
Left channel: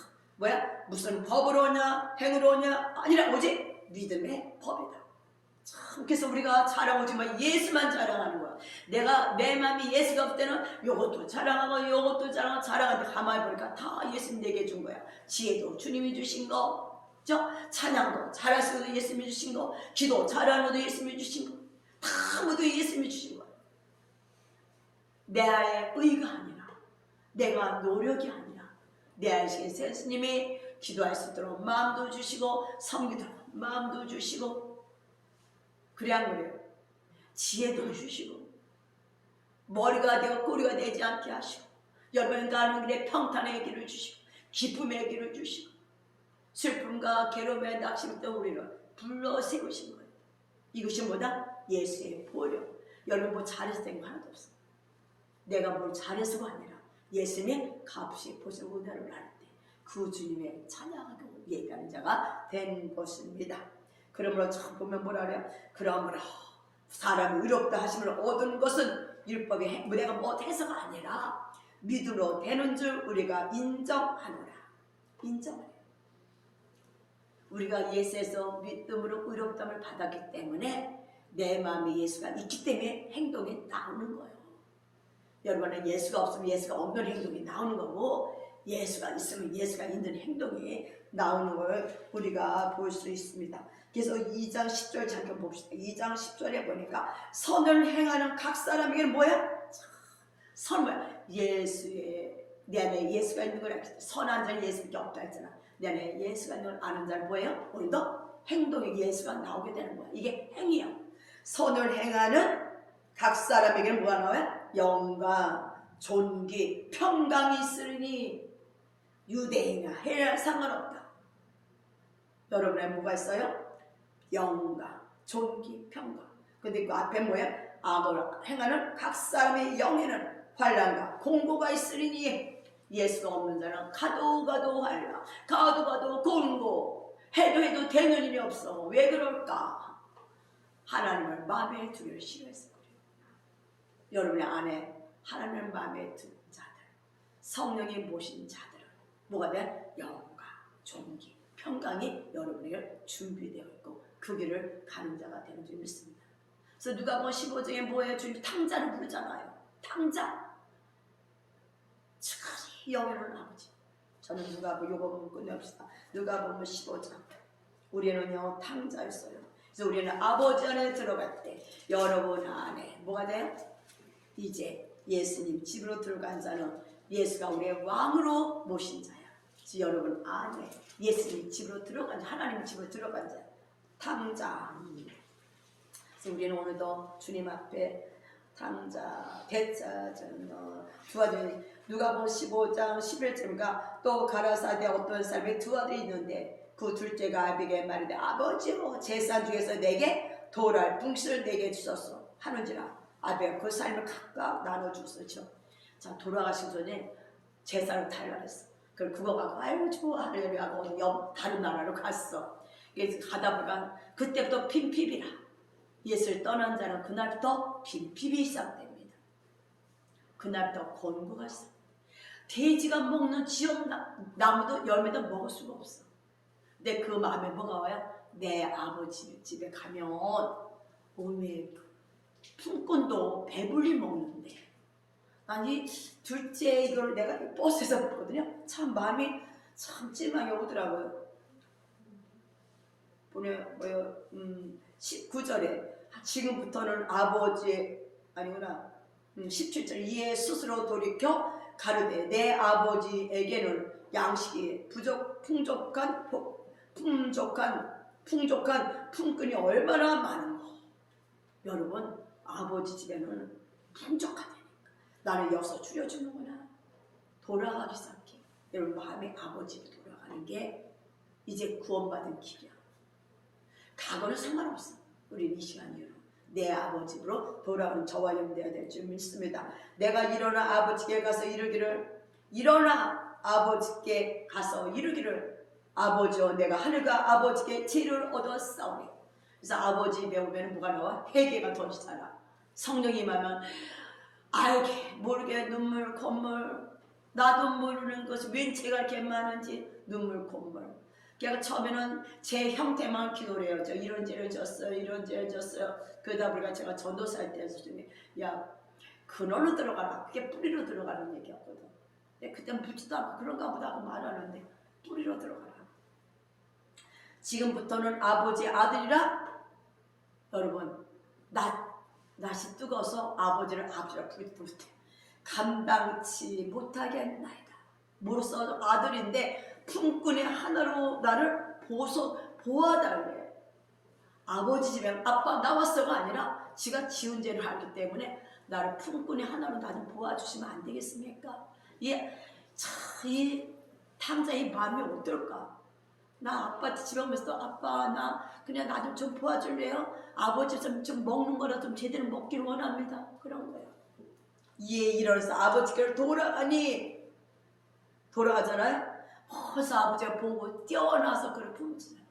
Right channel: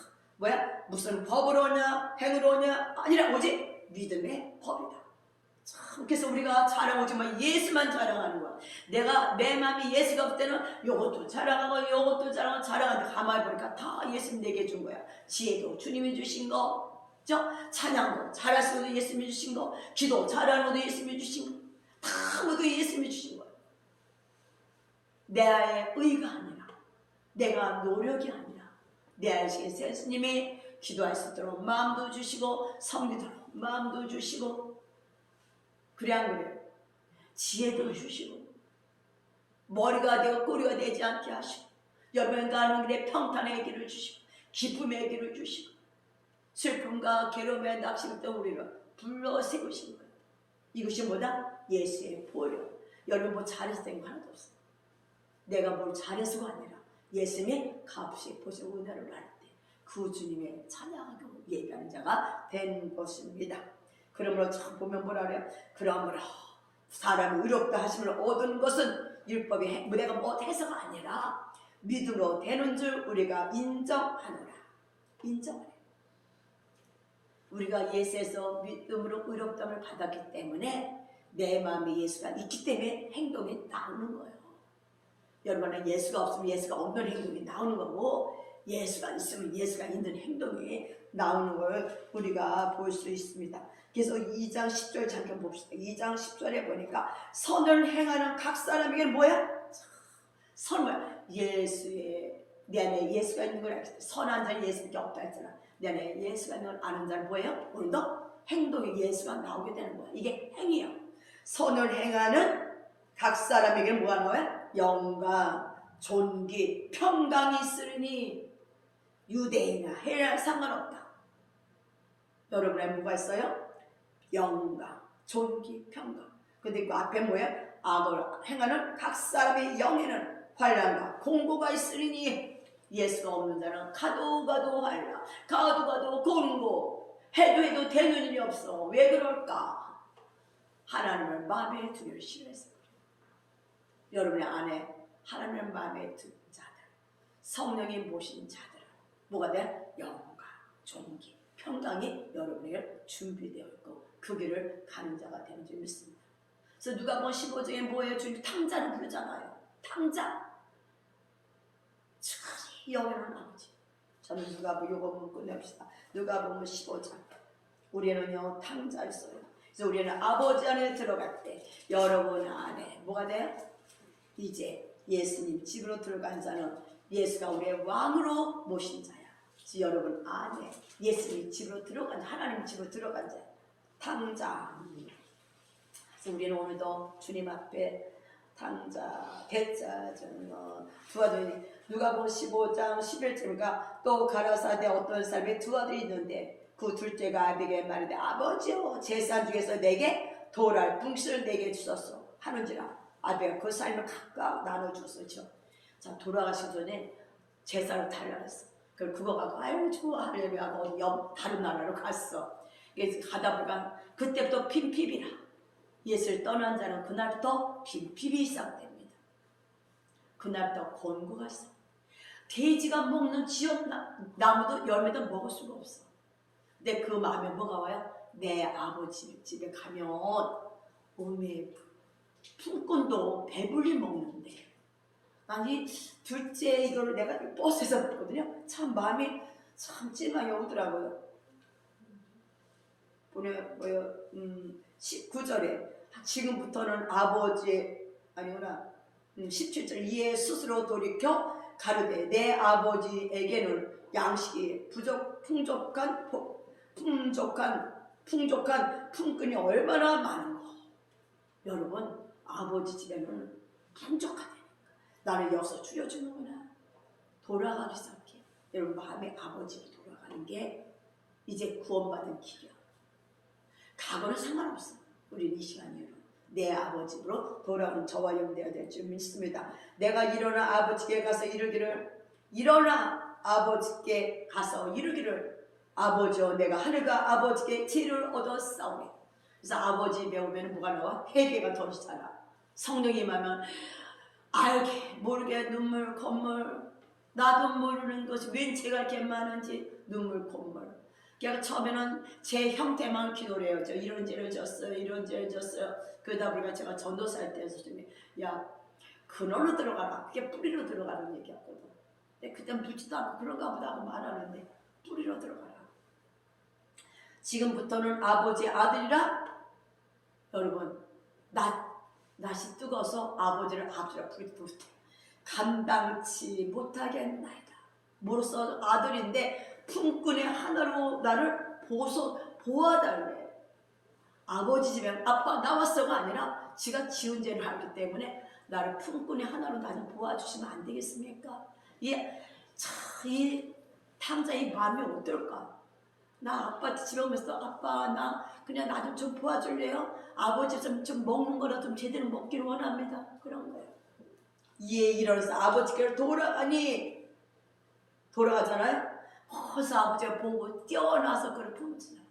무슨 법으로 오냐? 행으로 오냐? 아니라 오직 믿음의 법이다. 참 그래서 우리가 자랑하지만 예수만 자랑하는 거야. 내가 내 마음이 예수가 없을 때는 요것도 자랑하고 요것도 자랑하는데 가만히 보니까 다 예수님 내게 준 거야. 지혜도 주님이 주신 거, 찬양도 잘할 수 있는 예수님이 주신 거, 기도 잘하는 것도 예수님이 주신 거, 다 모두 예수님이 주신 거야. 내 의가 아니라 내가 노력이 아니라 내 아이신 예수님이 기도할 수 있도록 마음도 주시고 섬기도록 마음도 주시고 그래 안 그래요? 지혜도 주시고 머리가 되고 꼬리가 되지 않게 하시고 여러분 가는 길에 평탄의 길을 주시고 기쁨의 길을 주시고 슬픔과 괴로움에 낙심했던 우리를 불러 세우신 거예요. 이것이 뭐다? 예수의 보혈. 여러분 뭐 잘했을 거 하나도 없어. 내가 뭘 잘해서가 아니라 예수님의 값이 보신 은혜를 알 때 그 주님의 찬양하고 예배하는 자가 된 것입니다. 그러므로 참 보면 뭐라 그래요? 그러므로 사람이 의롭다 하심을 얻은 것은 율법의 내가 못해서가 아니라 믿음으로 되는 줄 우리가 인정하노라. 인정하라. 우리가 예수에서 믿음으로 의롭다함을 받았기 때문에 내 마음에 예수가 있기 때문에 행동이 나오는 거예요. 여러분은 예수가 없으면 예수가 없는 행동이 나오는 거고 예수가 있으면 예수가 있는 행동이 나오는 걸 우리가 볼 수 있습니다. 그래서 2장 10절 잠깐 봅시다. 2장 10절에 보니까 선을 행하는 각 사람에게 뭐야? 선 뭐야? 예수의 내 안에 예수가 있는 걸 알지. 선한 자는 예수밖에 없다 했잖아. 내 안에 예수가 있는 걸 아는 자는 뭐예요? 오늘도 행동에 예수가 나오게 되는 거야. 이게 행이에요. 선을 행하는 각 사람에게 뭐가 나와요? 영광, 존귀, 평강이 있으니 유대인이나 헬라 상관없다. 여러분의 뭐가 있어요? 영광, 존귀, 평강. 근데 그 앞에 뭐야? 악을 행하는 각 사람의 영에는 환난과 공고가 있으리니 예수가 없는 자는 가도 환난, 가도 공고, 해도 되는 일이 없어. 왜 그럴까? 하나님을 마음에 두기를 싫어했어요. 여러분의 안에 하나님을 마음에 둔 자들, 성령이 모신 자들, 뭐가 돼? 영광, 존귀, 평강이 여러분에게 준비되어 있고 그 길을 가는 자가 되는 줄 믿습니다. 그래서 누가복음 15장에 뭐예요? 주님 탕자를 부르잖아요. 탕자. 참 영예로운 아버지. 저는 누가복음 요거 보고 끝냅시다. 누가복음 15장. 우리는요 탕자였어요. 그래서 우리는 아버지 안에 들어갈 때 여러분 안에 뭐가 돼요? 이제 예수님 집으로 들어간 자는 예수가 우리의 왕으로 모신 자야. 여러분 안에 예수님 집으로 들어간 자, 하나님 집으로 들어간 자, 탕자. 그래서 우리는 오늘도 주님 앞에 탕자, 대자, 두 아들이 누가복음 15장 11절인가 또 가라사대 어떤 사람의 두 아들이 있는데 그 둘째가 아비게일 말하되 아버지여 제사 중에서 내게 돌알 붕실을 내게 주소서 하는지라 아비가 그 삶을 각각 나눠줬었죠. 자 돌아가신 전에 제사를 달라 그랬어. 그걸 그거 갖고 아이고 좋아 하려고 다른 나라로 갔어. 그래서 가다 보니까 그때부터 빈핍이라. 예수를 떠난 자는 그날부터 빈핍이 시작됩니다. 그날부터 권고가 시작. 돼지가 먹는 지역 나무도 열매도 먹을 수가 없어. 근데 그 마음에 뭐가 와요? 내 아버지 집에 가면 오메 품꾼도 배불리 먹는데 아니 둘째 이걸 내가 버스에서 봤거든요. 참 마음이 참 찜하게 오더라고요. 뭐예요? 19절에 지금부터는 아버지 아니구나 17절 이에 스스로 돌이켜 가르되 내 아버지에게는 양식이 풍족한 품꾼이 얼마나 많은가. 여러분 아버지 집에는 풍족하다니까. 나를 여기서 줄여주는구나. 돌아가기 시작해. 여러분 마음의 아버지로 돌아가는 게 이제 구원받은 길이야. 과거는 상관없어. 우리는 이 시간이요. 내 아버지로 돌아오는 저와 영대가 될 줄 믿습니다. 내가 일어나 아버지께 가서 이르기를 일어나 아버지께 가서 이르기를 아버지여 내가 하늘과 아버지께 지혜를 얻었사오니. 그래서 아버지 배우면 뭐가 나와? 회개가 터지잖아. 성령이 임하면 알게 모르게 눈물 콧물 나도 모르는 것이 웬 죄가 이렇게 많은지 눈물 콧물. 그러니까 처음에는 제 형태만 기도를 해요. 저 이런 죄를 졌어요. 이런 죄를 졌어요. 그러다 보니까 제가 전도사할 때 선생님이 야 근원으로 들어가라. 그게 뿌리로 들어가는 얘기였거든. 근데 그때 묻지도 않고 그런가 보다 하고 말하는데 뿌리로 들어가라. 지금부터는 아버지 아들이라. 여러분 낯이 뜨거워서 아버지를 부르지 못해. 감당치 못하겠나이다. 뭐로써 아들인데 품꾼의 하나로 나를 보아달래. 아버지 집에 아빠 나왔어가 아니라 지가 지은 죄를 알기 때문에 나를 품꾼의 하나로 나를 보아주시면 안 되겠습니까? 이 탕자의 마음이 어떨까? 나 아빠한테 집에 오면서 아빠 나 그냥 나 좀 도와줄래요? 아버지 좀 먹는 거라 좀 제대로 먹기를 원합니다. 그런 거예요. 이에 일어나서 아버지께로 돌아가잖아요. 그래서 아버지가 보고 뛰어나서 그를 품지요.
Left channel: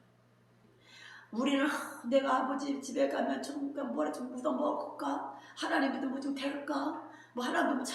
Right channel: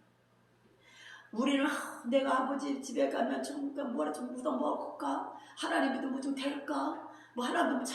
우리는 내가 아버지 집에 가면 좀 뭐라 좀 묻어 먹을까? 하나님도 뭐 좀 될까? 뭐 하나님도 뭐